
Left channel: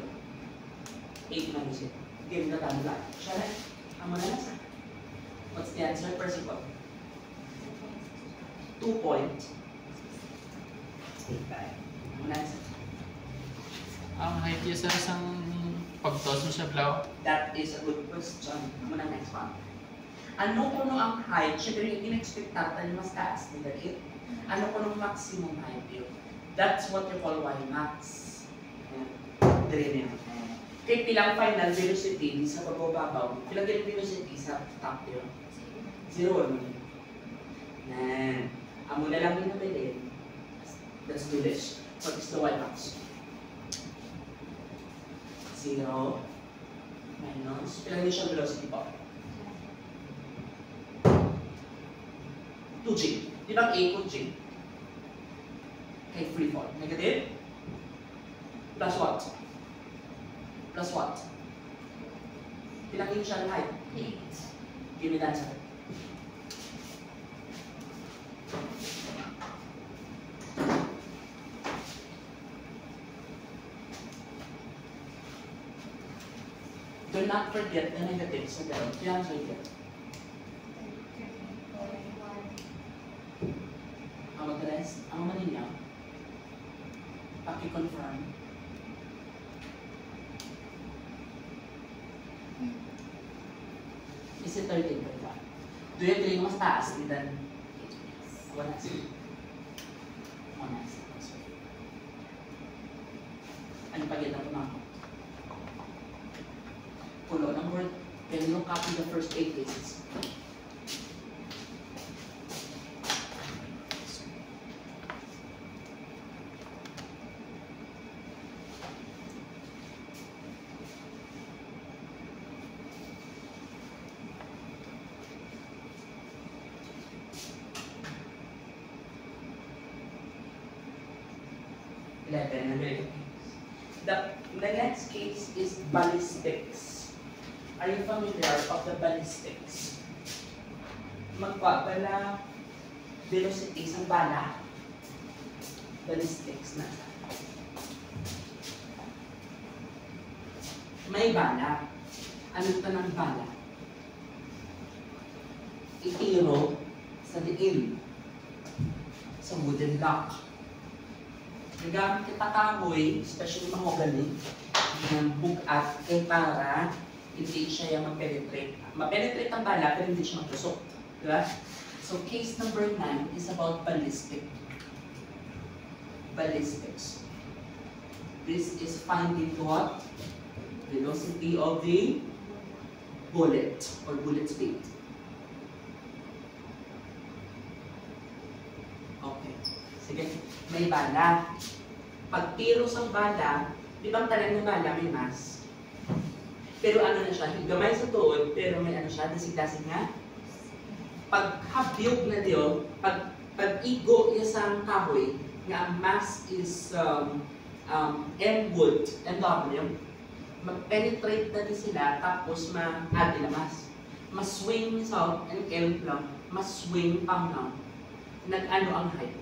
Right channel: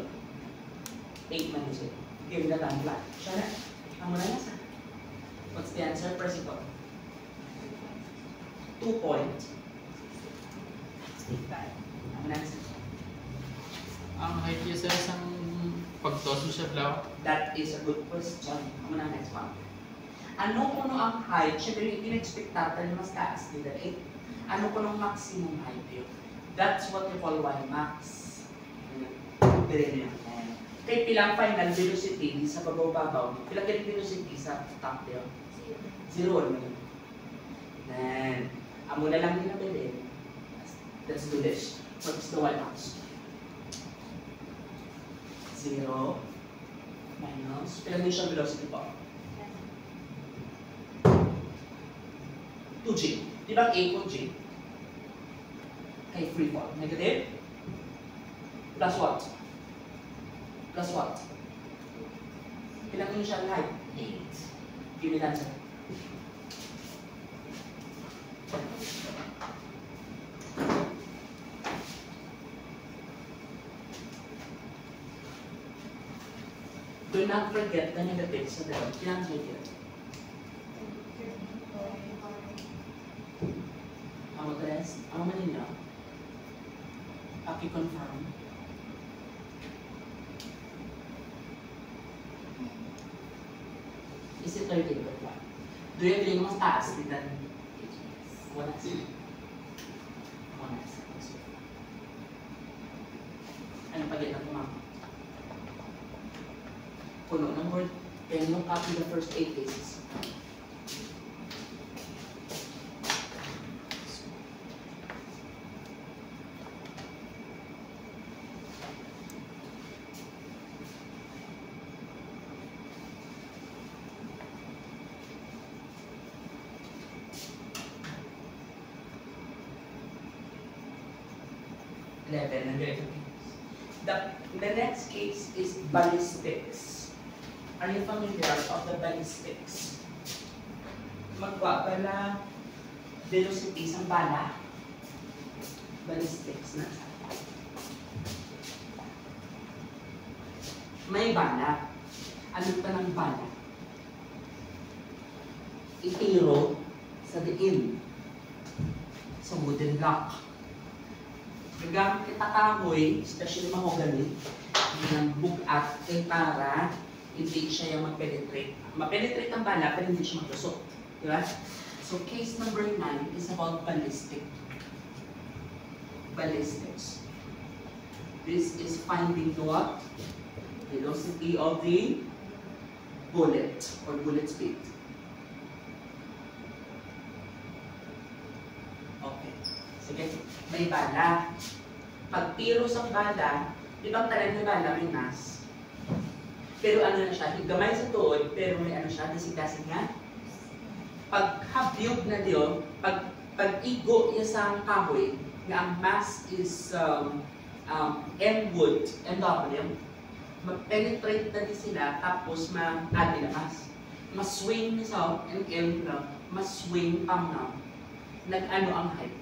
8 minus 8. Give na tanda. Siya na. Ang muna nasa. What's the answer? Principal. 2 point. Ang muna nasa. Ang height niya sa isang pagtoso sa blaw? That is a good question. Ang muna next one. Ano kuno ang height? Siyempre yung in-expect natin mas taas nila 8. Ano kuno maximum height yun? That's what you call Y max. Dire niya. Kay pilang final velocity di sa pagbababaw, pilang galing velocity sa top yun? 0 mo. Nan. Amo na lang din na pwede. Let's do this. What is the y-box? 0 minus, pilang initial velocity po? 2g. Di ba ang a ko g? Kay free fall. Negative? Plus what? Plus what? Pilang initial height? 8. Give me the answer. Do not forget the negatives sa dalawang. Pilang right here? Ang mag-rest, ang manin niya, paki-confirm. Is it 13 by 5? Do you agree mas taas than 1 as? 1 as. Ano pa din na pumako? Kulo ng word, can you copy the first 8 cases? The next case is ballistics. Are you familiar of the ballistics? Magpapala velocity ng bala. Ballistics na. May bala. Ano pa ng bala? Itiro sa diin. Sa wooden block. Gagamit kita kahoy, especially mahogany, ng bugat kay para hindi siya yung mag-penetrate. Ma-penetrate ang bala pero hindi siya magtusok. Diba? So case number 9 is about ballistic. Ballistics. This is finding the what? Velocity of the bullet or bullet speed. Okay. Sige. May bala. Pag tiro sa bala, di ba ang talang ng bala may mass? Pero ano na siya, gamay sa tuod, pero may ano siya, dasig-dasig nga. Pag habyog na diyo, pag igo niya sa kahoy, nga ang mass is M wood, MW, mag-penetrate na din sila, tapos ma-add nila mass. Mas-swing niya sa L lang, mas-swing pang na. Nag-ano ang height?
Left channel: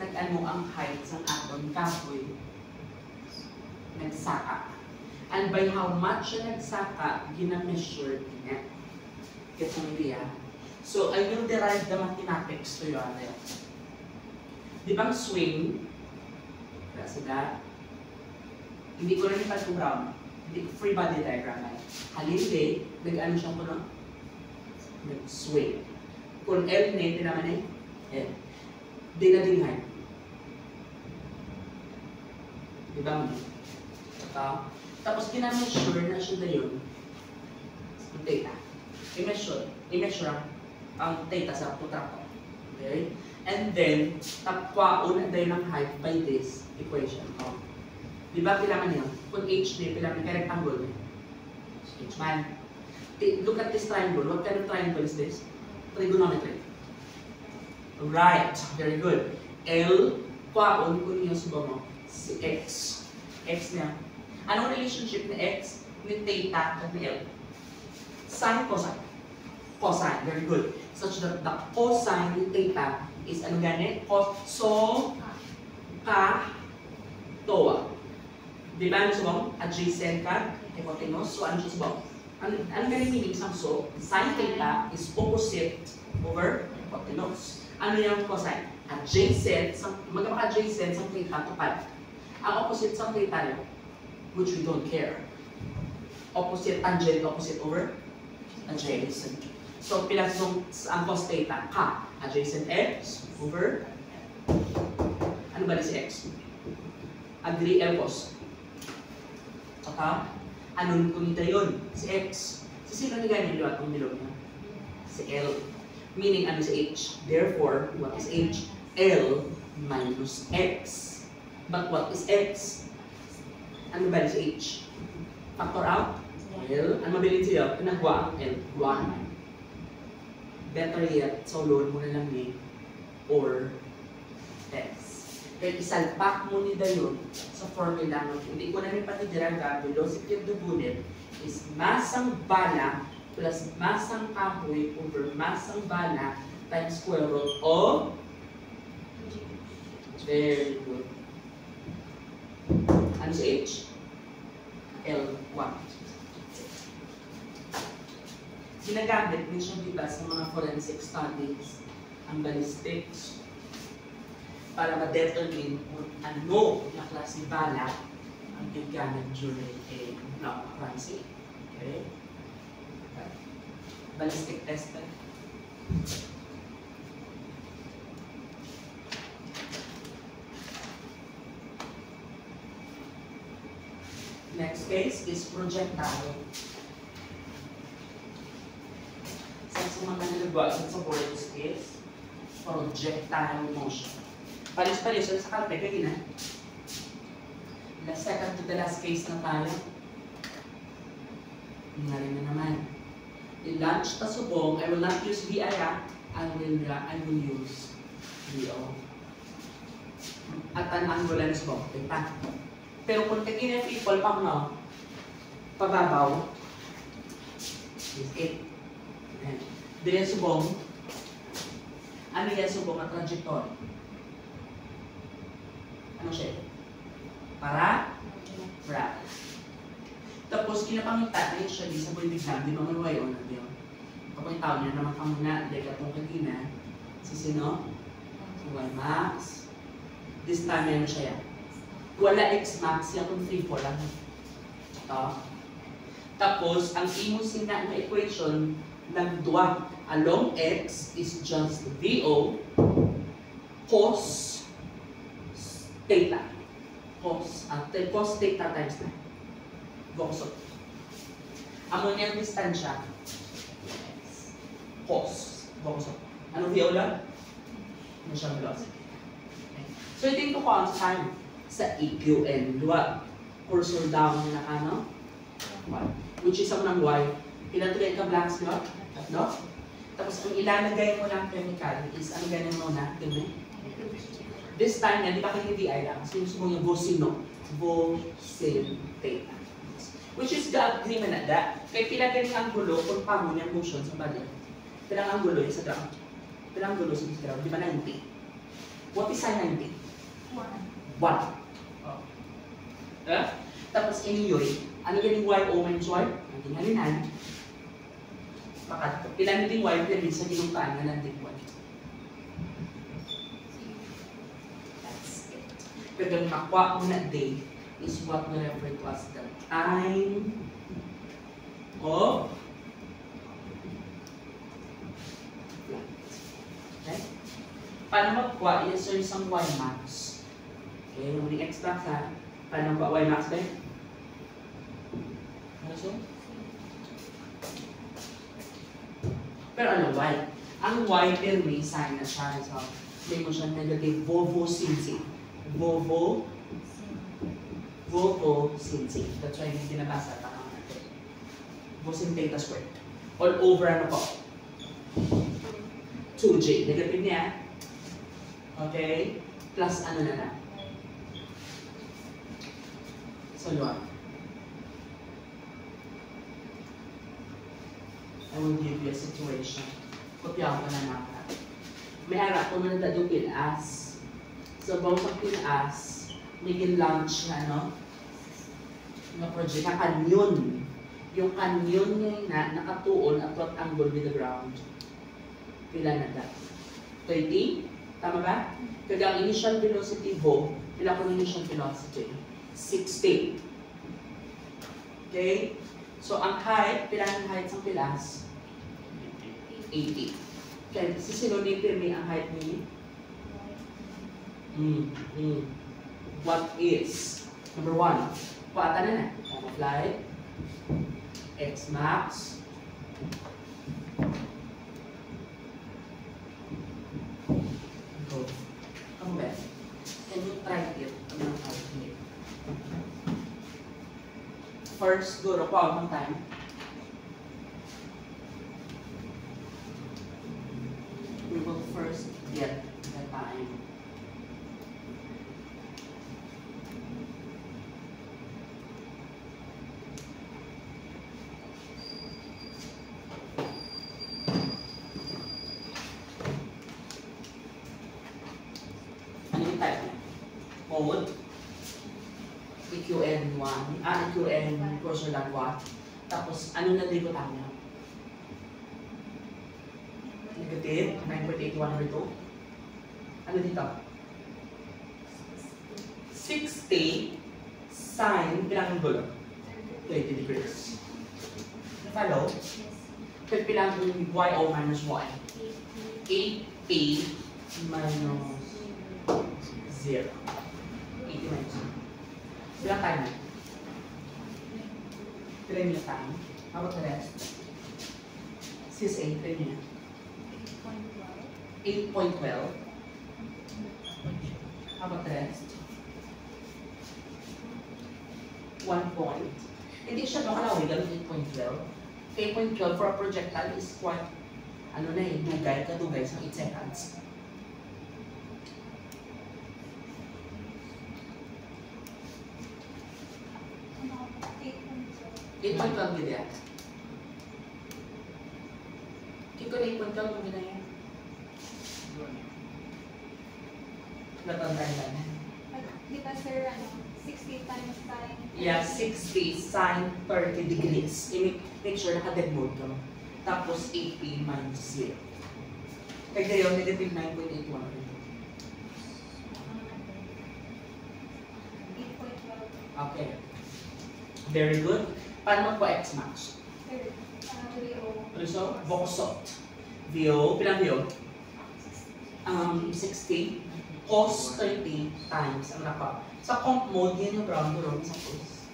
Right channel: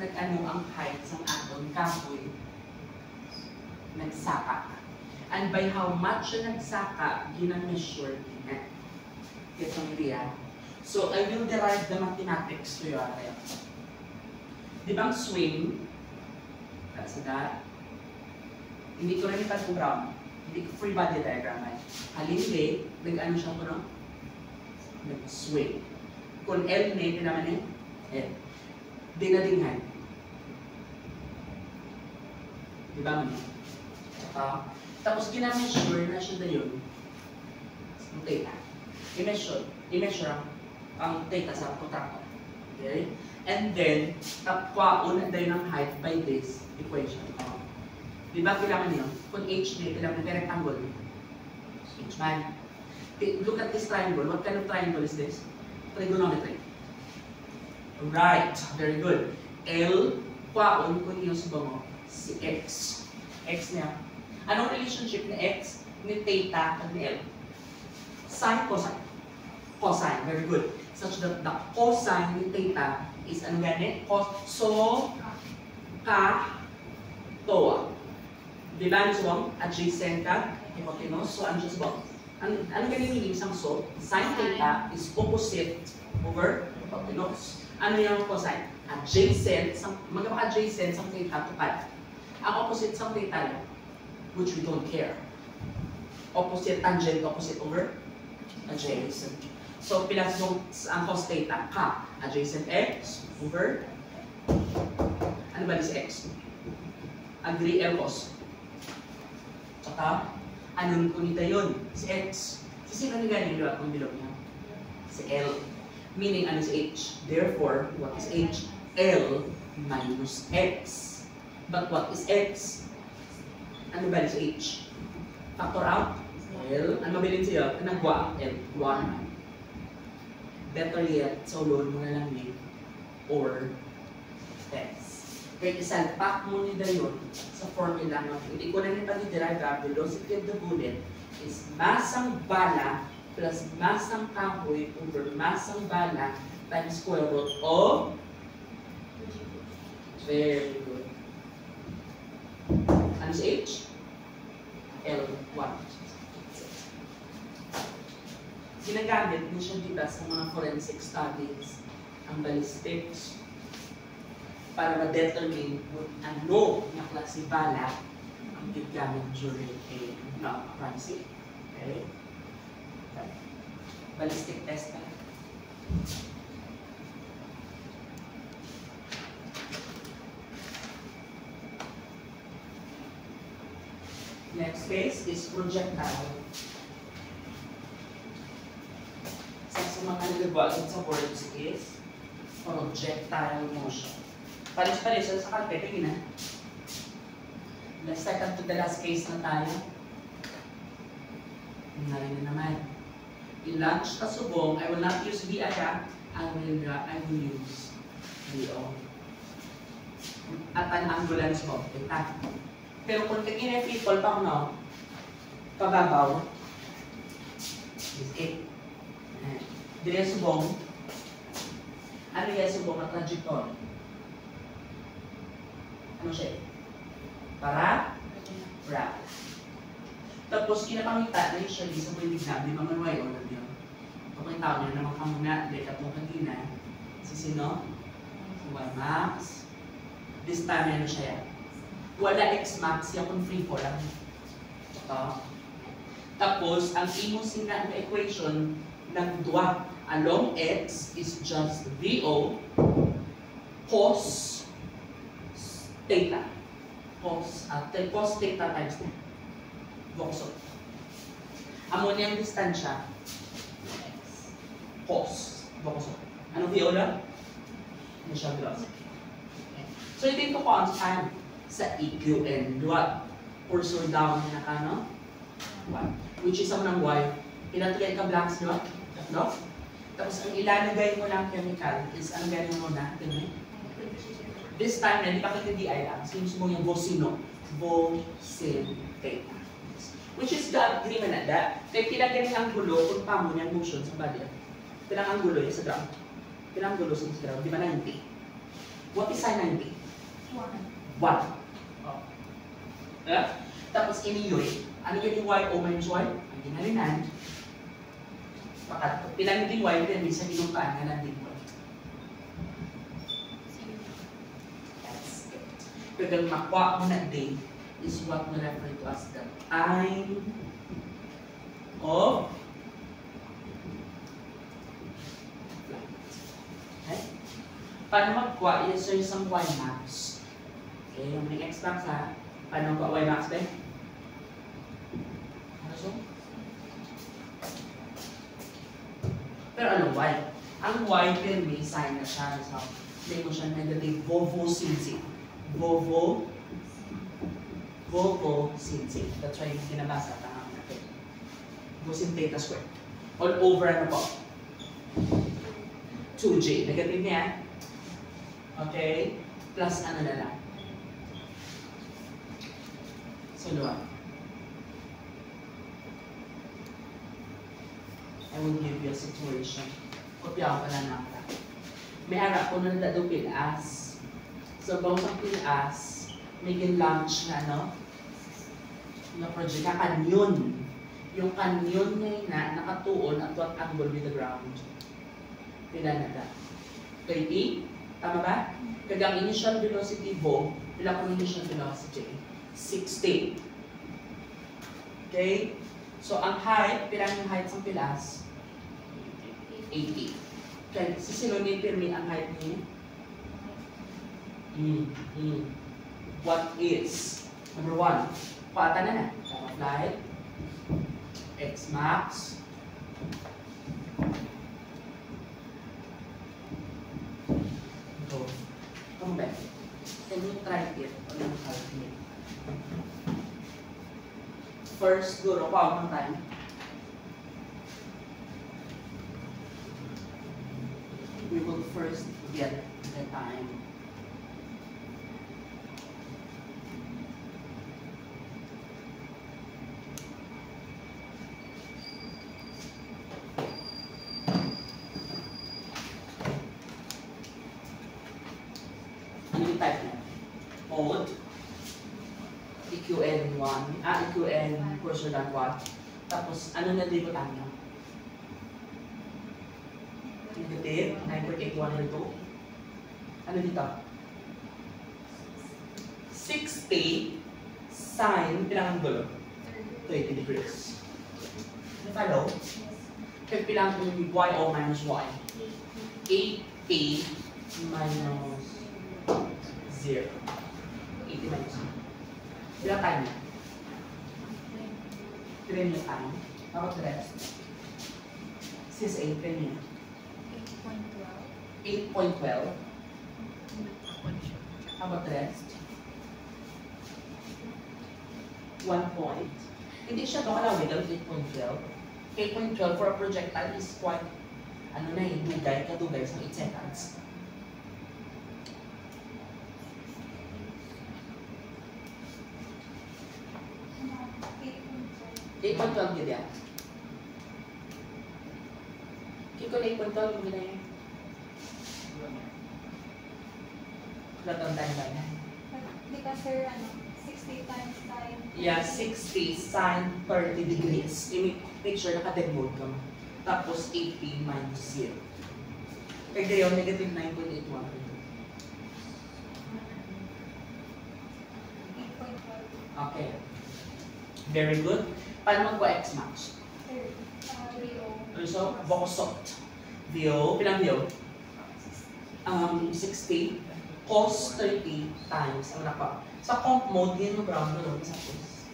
Nag-ano ang height sa aton kahoy? Nagsaka. And by how much siya nagsaka, gina-measure niya. Get ang idea? So, I will derive the mathematics to you area. Di bang swing? That's that. Hindi ko rin ipag-brown. Hindi ko free body diagram ay. Halindi, nag-ano siya ko no? Nag-swing. Kung L na, ito naman eh. L. Dinadinghan. Di ba mo? Ito. Tapos gina-measure na siya na yun. Ang theta. I-measure ang theta sa protractor. Okay? And then, tapwaon na tayo ng height by this equation. Di ba kailangan niyo? Kung h na kailangan ng rectangle. H man. Look at this triangle. What kind of triangle is this? Trigonometry. Right. Very good. L, kwaon, kung niyo subango, si x. X niya. Anong relationship ni x, ni theta, at ni L? Sine, cosine. Cosine. Very good. Such that the cosine ni theta is ano gani? So, toa. Di ba ano subang? Adjacent ka, hypotenuse. So, ano siya subang? Ano gani meaning sang so? Sine theta is opposite over hypotenuse. Ano yung cosine? Adjacent, magkaka-adjacent sa theta tupad. Ang opposite sa theta niya, which we don't care. Opposite, tangent, opposite over adjacent. So, pilang ang cos theta, ka. Adjacent x over, ano ba si x? Agree L cos. Saka, Anong unita yun? Si X. So, sino na ganyan yung atong bilog niya? Si L. Meaning, ano si H? Therefore, what is H? L minus X. But what is X? Ano ba si H? Factor out? L. Ano mabilin siya? Nagwa ang L. Gwa naman. Better yet, so load mo na lang ni or X. Kaya isalpak mo ni dayon sa formula mo. Hindi ko na rin pati-derive ang velocity of the bullet is masang bala plus masang kahoy over masang bala times square root of very good. Ano si H? L1. Ginagamit din siya diba sa mga forensic studies ang ballistics para ma-determine kung ano na klase bala ang gigamit during a crime scene. Okay? Ballistic test na. Next case is projectile. Sa mga nagagawa sa words is projectile motion. Palis-palis sa kalpe, kanina. The second to the last case na tayo. Tingnan na naman. I-launch na subong. I will not use VI ha. I will use VO. At an ambulance mo. Ita. Pero kung kanina people pang no, pababaw, is it. Dili subong. Ano yung subong at trajectory? Ano siya? Para? Tapos, kinapangita na usually sa buhay bigla, di ba manuwayo na diyo? Kapag yung tao niya naman kang muna, di ka itong kagina, si sino? Si Y-Max. This time, ano siya yan? Wala X-Max, yung kung free fall lang. Ito. Tapos, ang imo sina na equation, nagduwa. Along X is just VO cos theta. Cos theta times na. Vokso. Amo niyang distansya. Cos. Vokso. Ano VO lang? Ano siya velocity. Okay. So, itin ko pa on time sa EQN. Luwag. Cursor down na ano? Y. Which is ako ng Y. Pinatulay ka blanks, luwag? No? Tapos, kung ilalagay mo lang chemical is, ano ganyan mo na? Ganyan. This time na, di pa kayo DI lang. Sinusubo yung Vocino. Vocin theta. Which is the agreement na that. Kaya pila ganyan ang gulo kung pamo niyan motion sa body. Pilang ang gulo yung sa ground. Pilang ang gulo sa ground. Di ba 90? What is sine 90? 1. Oh. Tapos iniyoy. Ano ganyan Y o minus Y? Ang ginalinan. Pakat, pilang din Y, then sa ginupaan na natin Y. That's it. Pero makuha mo na day is what we refer to as the time of flight. Okay? Paano magkuha? Yes, sir, isang Y-max. Okay, yung mga X-max ha. Paano magkuha Y-max ba? Ano siya? Pero ano Y? Ang Y, pero may sign na siya. So, may mo siya negative Vovo-sinsi. Vovo-sinsi. That's why hindi nabasa. Vosin theta squared. All over ano po? 2J. Negative niya. Okay? Plus ano na lang. So, luwan. I will give you a situation. Kopya ko na naman. May harap ko na nadadupil as. So, bang sa pilas, may gin-launch na, no? Na project na kanyon. Yung kanyon niya na nakatuon at what angle with the ground. Pila na that? 30? Tama ba? Kaya ang initial velocity ho, pila ko initial velocity? 60. Okay? So, ang height, pila ng height sa pilas? 80. Okay, sisinunod ni ang height niya? What is? Number 1, paata na na. Time of flight, X max. Ito. Come back. Can you try it on your calculate? First, go to one time. We will first get the time. Ano yung type niya? Mode. EQN1. EQN cursor dot what? Tapos, ano na libutan niya? Negative 9.81/2. Ano dito? 60 sine, bilang ang gulo? 20 degrees. Follow? Pilang yung y o minus y. 8p minus 0. 80 minus 0. Bilang time na? Kailan niyo time? How about the rest? CSA, kailan niyo? 8.12. How about the rest? 1 point. Hindi siya nakalawin ng 8.12. 8.12 for a projectile is quite, ano na eh, kadugay sa 8 seconds. $8.12 yun yan. Keep ko na 8.12 yung gina yan. Natandaan ba yan? Because sir, 60 times sine. Yeah, 60 sine 30 degrees. Make sure naka-dead mode ka. Tapos 8p minus 0. Kaya gayon, negative 9.81. 8.12. Okay. Very good. Paano mag-X max? Sir, VO. Also, Bokosot. VO, pilang VO? 60 cos 30 times ang napa. Sa comp mode, yan yung ground doon sa cos.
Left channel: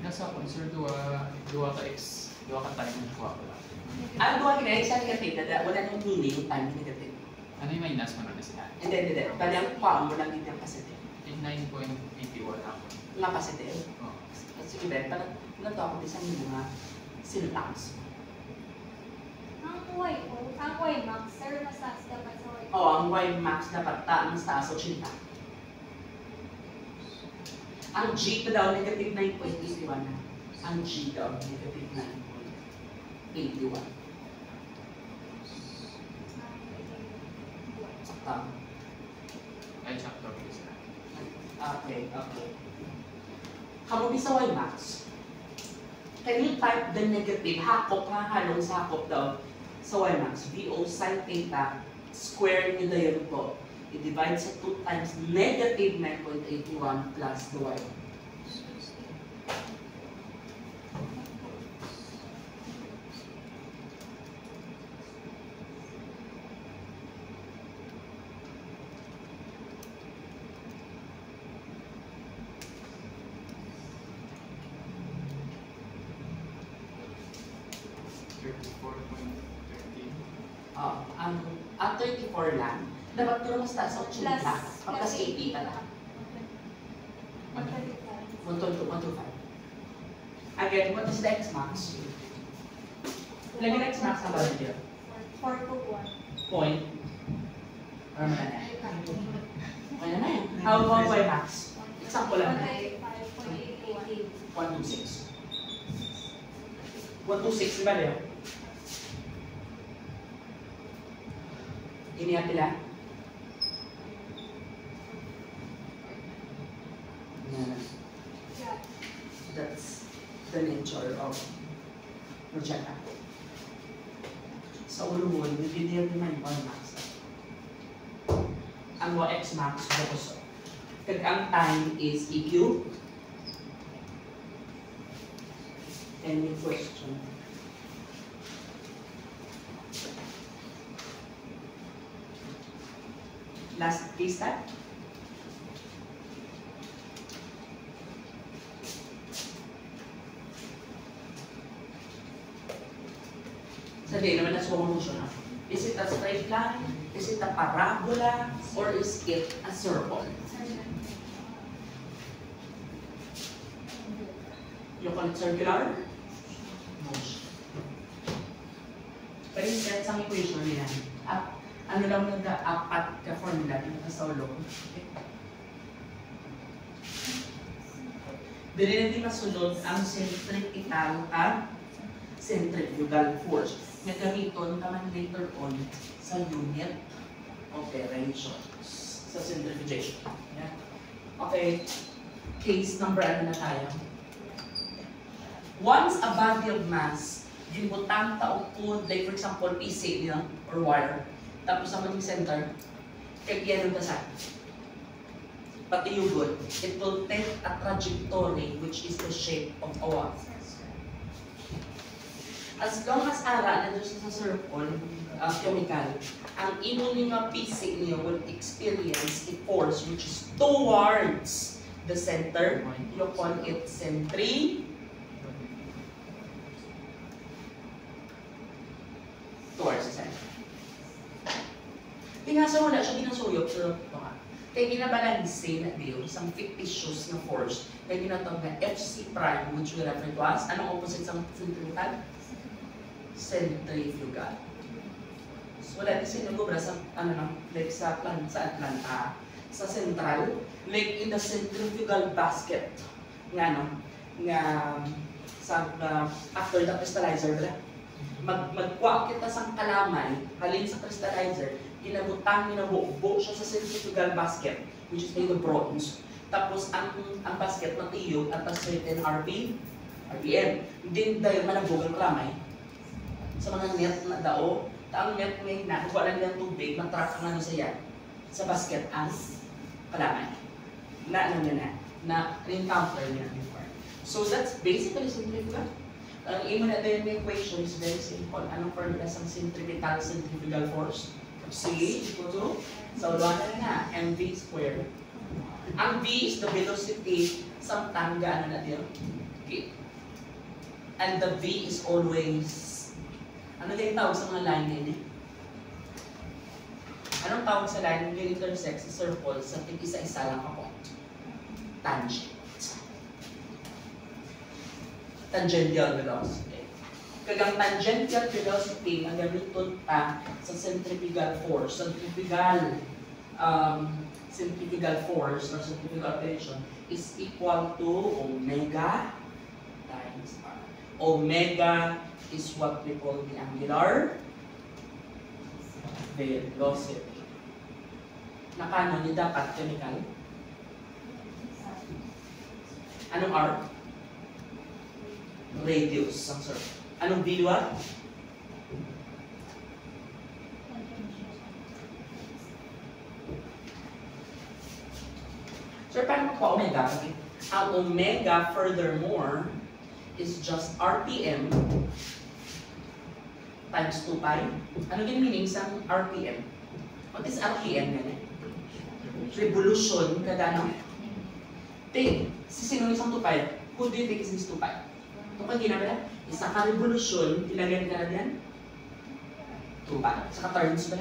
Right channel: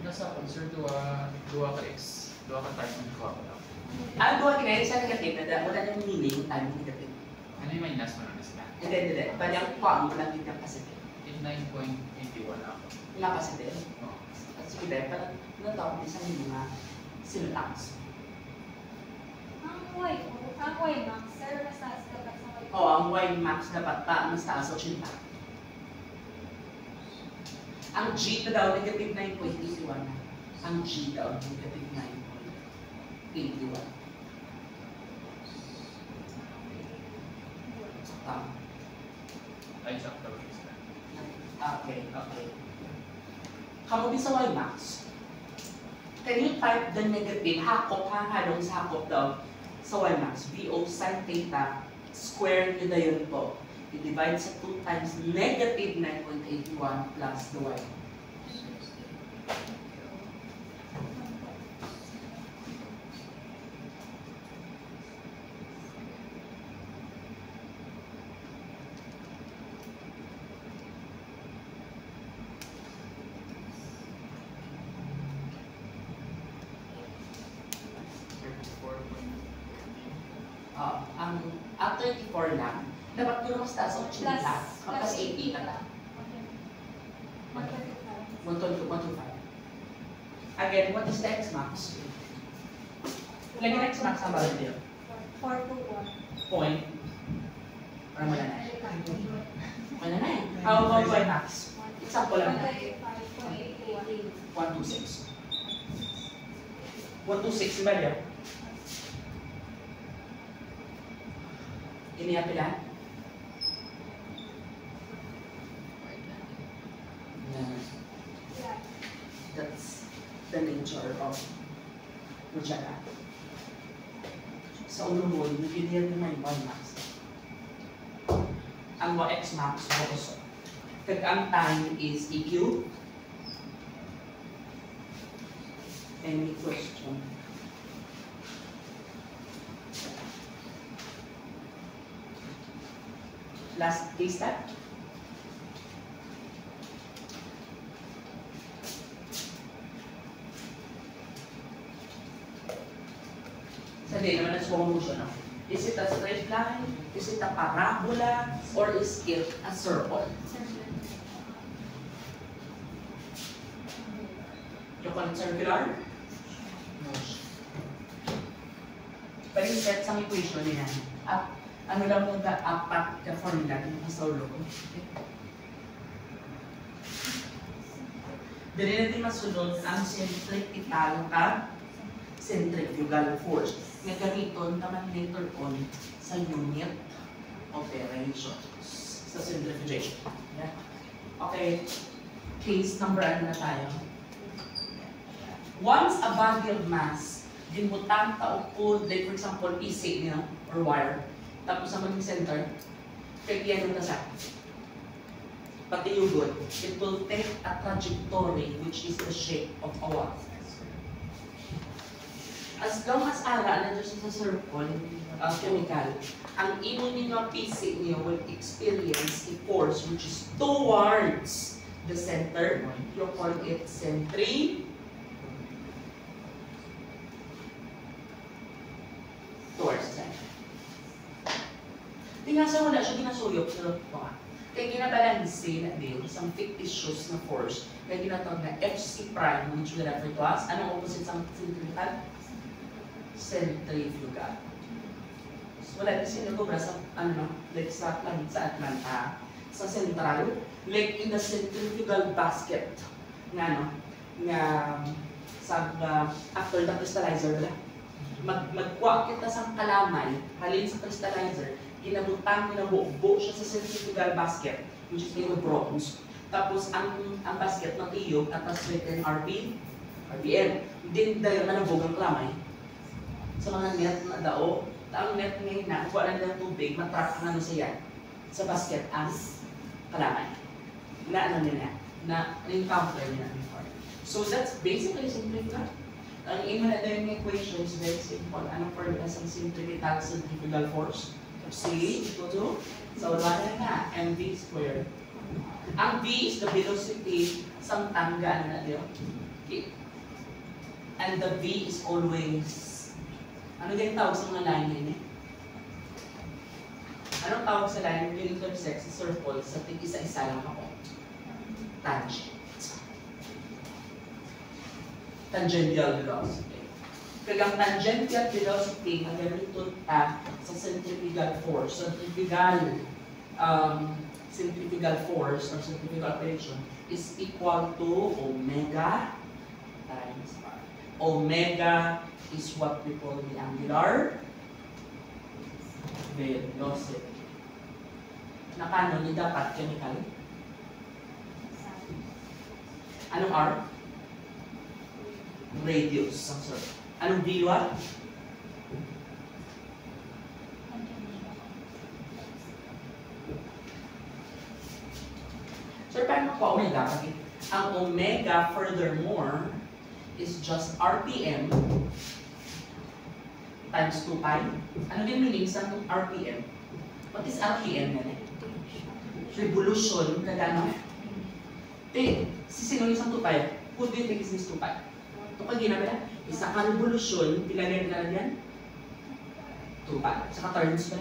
Nasa sir, duwa ka X, duwa ka time ng kuha ko lang. Ang gawa kinaya sa negative na wala nang meaning time negative. Ano yung minus mo na sila? Hindi. Bali ang kuha mo lang din ng positive. 9.81 ako. Wala positive. Oh. Sige, parang natawag din sa mga syntax. Ang Y max, sir, mas taas dapat sa Y. Oo, ang y max dapat mas taas o chinta. Ang G na daw, negative 9.81. Ang G daw, negative 9.81. Tama. Ay, sakto. Okay. Kamubi sa y max. Can you type the negative? Hahalong sa hakop daw sa y max. VO sin theta, square nyo na yun po. I-divide sa 2 times negative 9.81 plus the y. Ang 34 lang, dapat pero mas taas ang chinta. Plus 80 tala. 125. Again, what is the X max? Lagi na X max ang bawal dito. 4 to 1. Point. Para wala na. Wala na yan. How about Y max? Example lang na. 126. 126, di ba Leo? Iniya pila? That's the nature of projectile. Sa ulo mo, hindi naman yung Y max. Ang X max, focus. Kag ang time is EQ. Any question? Last case that. Sabihin naman na slow motion. No? Is it a straight line? Is it a parabola? Or is it a circle? You call it circular motion. Pero yung set sa equation niya, ano lang nag-apat ka formula na sa ulo. Dili natin masunod ang centripetal at centrifugal force na gamiton naman later on sa unit operations sa centrifugation. Yeah. Okay, case number ano na tayo? Once a body of mass ginbutang taupod, like for example, PC niya or wire, tapos ang maging center, kaya ng tasay. Pati yung good, it will take a trajectory which is the shape of a what? As long as ara na just sa circle, chemical, ang imo nga PC niya will experience a force which is towards the center. You call it towards the center. Pinasa wala siya ginasuyok sa tuwa. Kaya ginabalansin na diyo isang fictitious na force kaya ginatawag na FC prime which will refer to as anong opposite sa centrifugal? Centrifugal. So wala kasi nagobra sa like sa Atlanta, sa central, like in the centrifugal basket nga sa after the crystallizer bala. Magkuha kita sa kalamay, halin sa crystallizer, ginabuo siya sa centrifugal basket, which is made of bronze. Tapos ang basket matiyog at a certain RPM. Then dahil manabog ang kalamay, sa mga net na dao, ang net ngayon na, kuha lang ng tubig, matrap ang ano sa yan, sa basket ang kalamay. Na encounter niya before. So that's basically centrifugal. Ang imo na din ng equation is very simple. Anong formula sa centrifugal force? C equal to, so wala na mv squared. Ang v is the velocity sa tangga na diyo. And the v is always, ano din tawag sa mga line din eh? Anong tawag sa line yung intersect sa circle sa isa-isa lang ako? Tangent. Tangential velocity. Kagang tangential velocity ang gamiton ta sa centrifugal force. Centrifugal force or centrifugal operation is equal to omega times r. Omega is what we call the angular velocity. Nakano ni dapat chemical? Anong r? Radius ang circle. Anong V1? So, paano po omega? Ang omega, furthermore, is just RPM times 2 pi. Ano din meaning sa RPM? What is RPM na revolution, kada ano? Sino isang 2 pi? Who do you think is this 2 pi? Ito pag ginabala, isa ka revolusyon, ilagay ka na diyan? 2 pi. Sa ka-turns ba?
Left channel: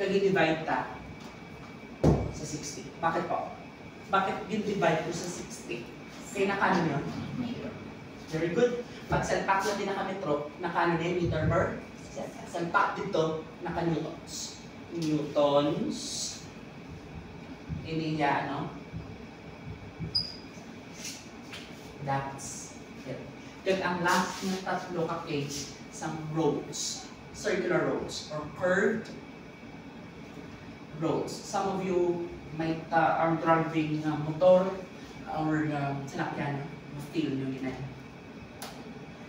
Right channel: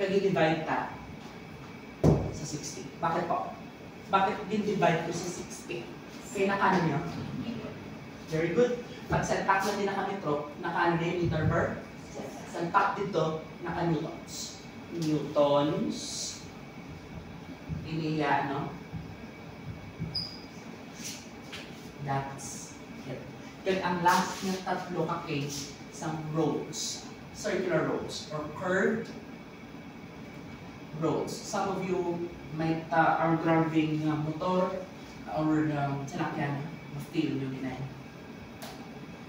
Kag-divide ta sa 60. Bakit po? Bakit din-divide ko sa 60? Kaya nakano niyo? Very good. Pag salpak lang din naka-metro, nakano niya yung meter per? Salpak dito, naka-newtons. Newtons. Hindi yan, no? That's it. Then ang last na tatlo ka case, isang roads, circular roads, or curved roads. Some of you might are driving motor or sinakyan, ma-feel nyo ginahin.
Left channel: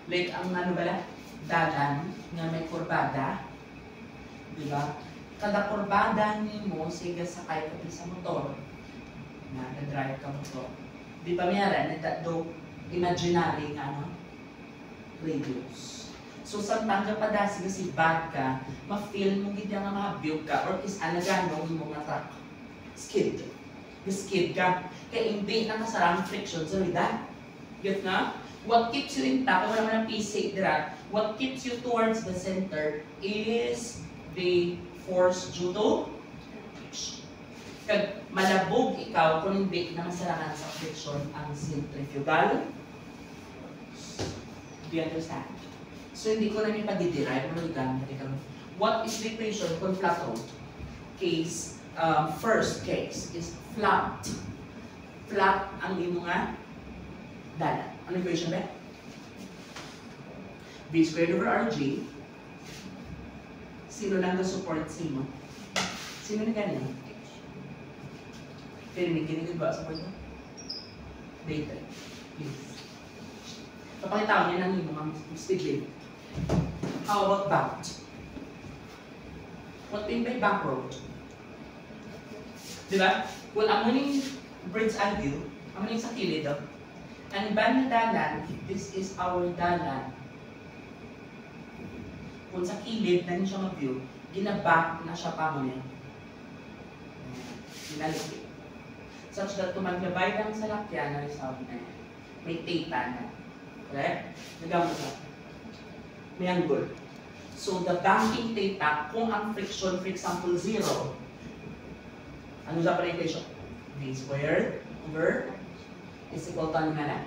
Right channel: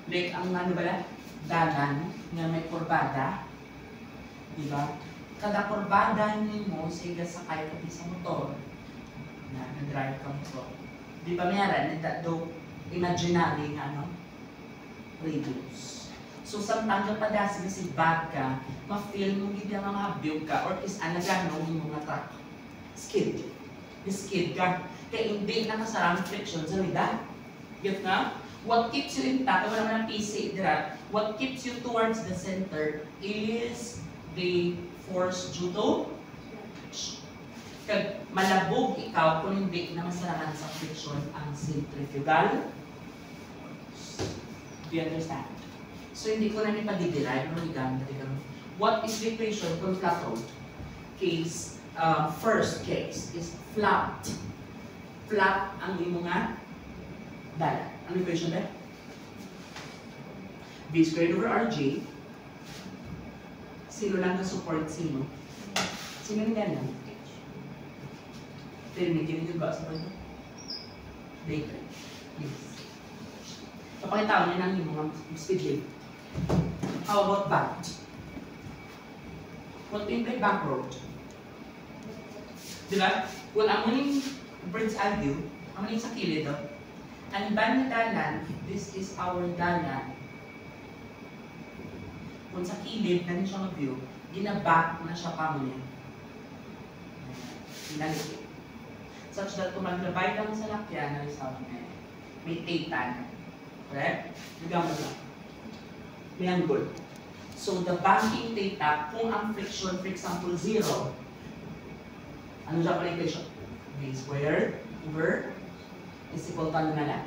Like ang ano ba, dagan nga may kurbada, di ba? Kada kurbada nimo sige sakay ka sa motor na nag-drive ka motor. Di ba meron that do imaginary radius. So sa tangga pa dasi si bad ka, ma-feel mo gid nga mga view ka or is anagano mo nga truck. skid. Skid ka. Kaya hindi nakasarang friction sa lida. Get na? What keeps you intact, wala naman ang PC dira, what keeps you towards the center is the force due to friction. Kag malabog ikaw kung hindi nakasarangan sa friction ang centrifugal. Do you understand? So hindi ko na may pag-derive, what is the equation kung flat road? Case, first case is flat. Flat ang imo nga dala. Ano equation ba? V squared over RG. Sino lang na-support sino? Sino na ganyan? Pero may ginigil ba sa pwede? Data. Please. Kapakita ko niya ng mga speed limit. How about back? What do you mean by back road? Diba? Well, ang muling bird's eye view, ang muling sa kilid, ang iba na dalan, this is our dalan. Kung sa kilid na niya siya mag-view, ginaback na siya pa mo niya. Ginalipit. Such that kung maglabay lang sa lakyan na result na yan, may theta na. Correct? Nagawin mo na. May angle. So the banking theta, kung ang friction, for example, 0, ano siya pala equation? V squared over is equal to ano na lang?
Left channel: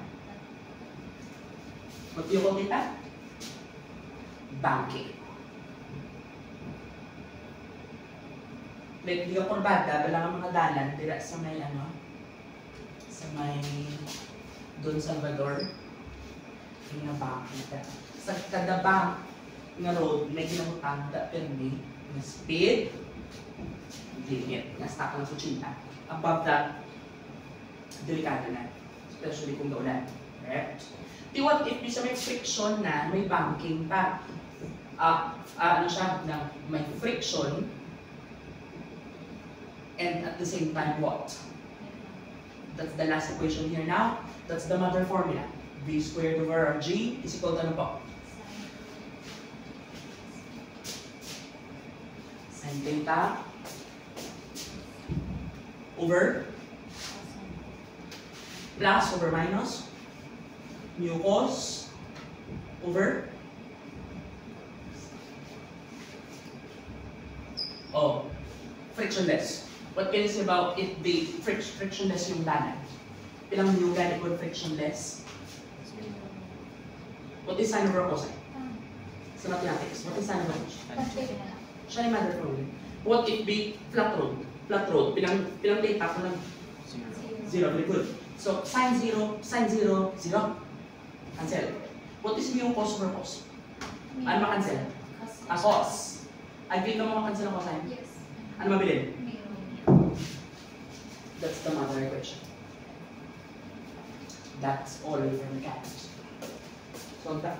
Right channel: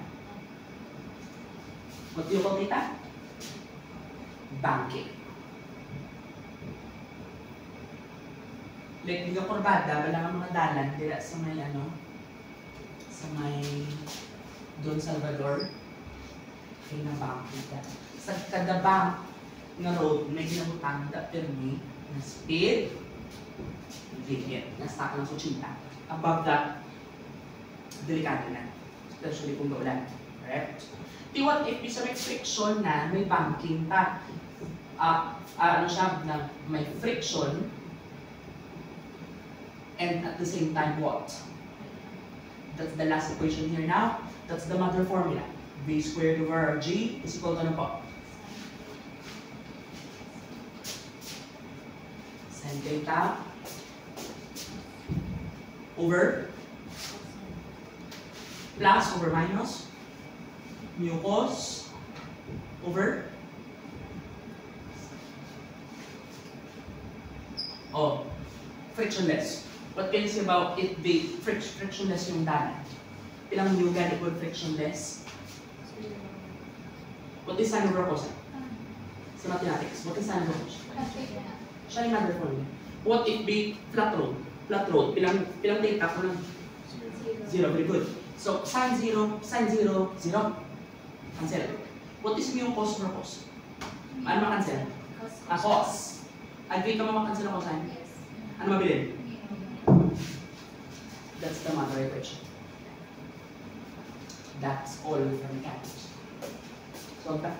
What do you call theta? Banking. Like, di ka kurbada, wala nga mga dalan, dila sa may ano, sa may Don Salvador, ay na-banking ka. Sa kada bank na road, may ginabutang da permi na speed limit, na stock lang sa chinta. Above that, delikado na. Especially kung gaulan. Correct? Di what if bisa may friction na, may banking pa. Ano siya, na may friction, and at the same time, what? That's the last equation here now. That's the mother formula. V squared over G is equal to ano po? Sin theta over plus over minus mu cos over frictionless. What can you say about it being frictionless yung dalan? Pilang mu gan equal frictionless? What is sine over cosine? Sa mathematics, what is sine over cosine? Siya yung mother formula. What if be flat road? Flat road, pilang theta ko lang? 0. Very good. So, sine 0, 0. Cancel. What is mu cos over cos? Ano makancel? Cos. Agree ka makancel ang cosine? Yes. Ano mabilin? That's the mother equation. That's all for mechanics. So that.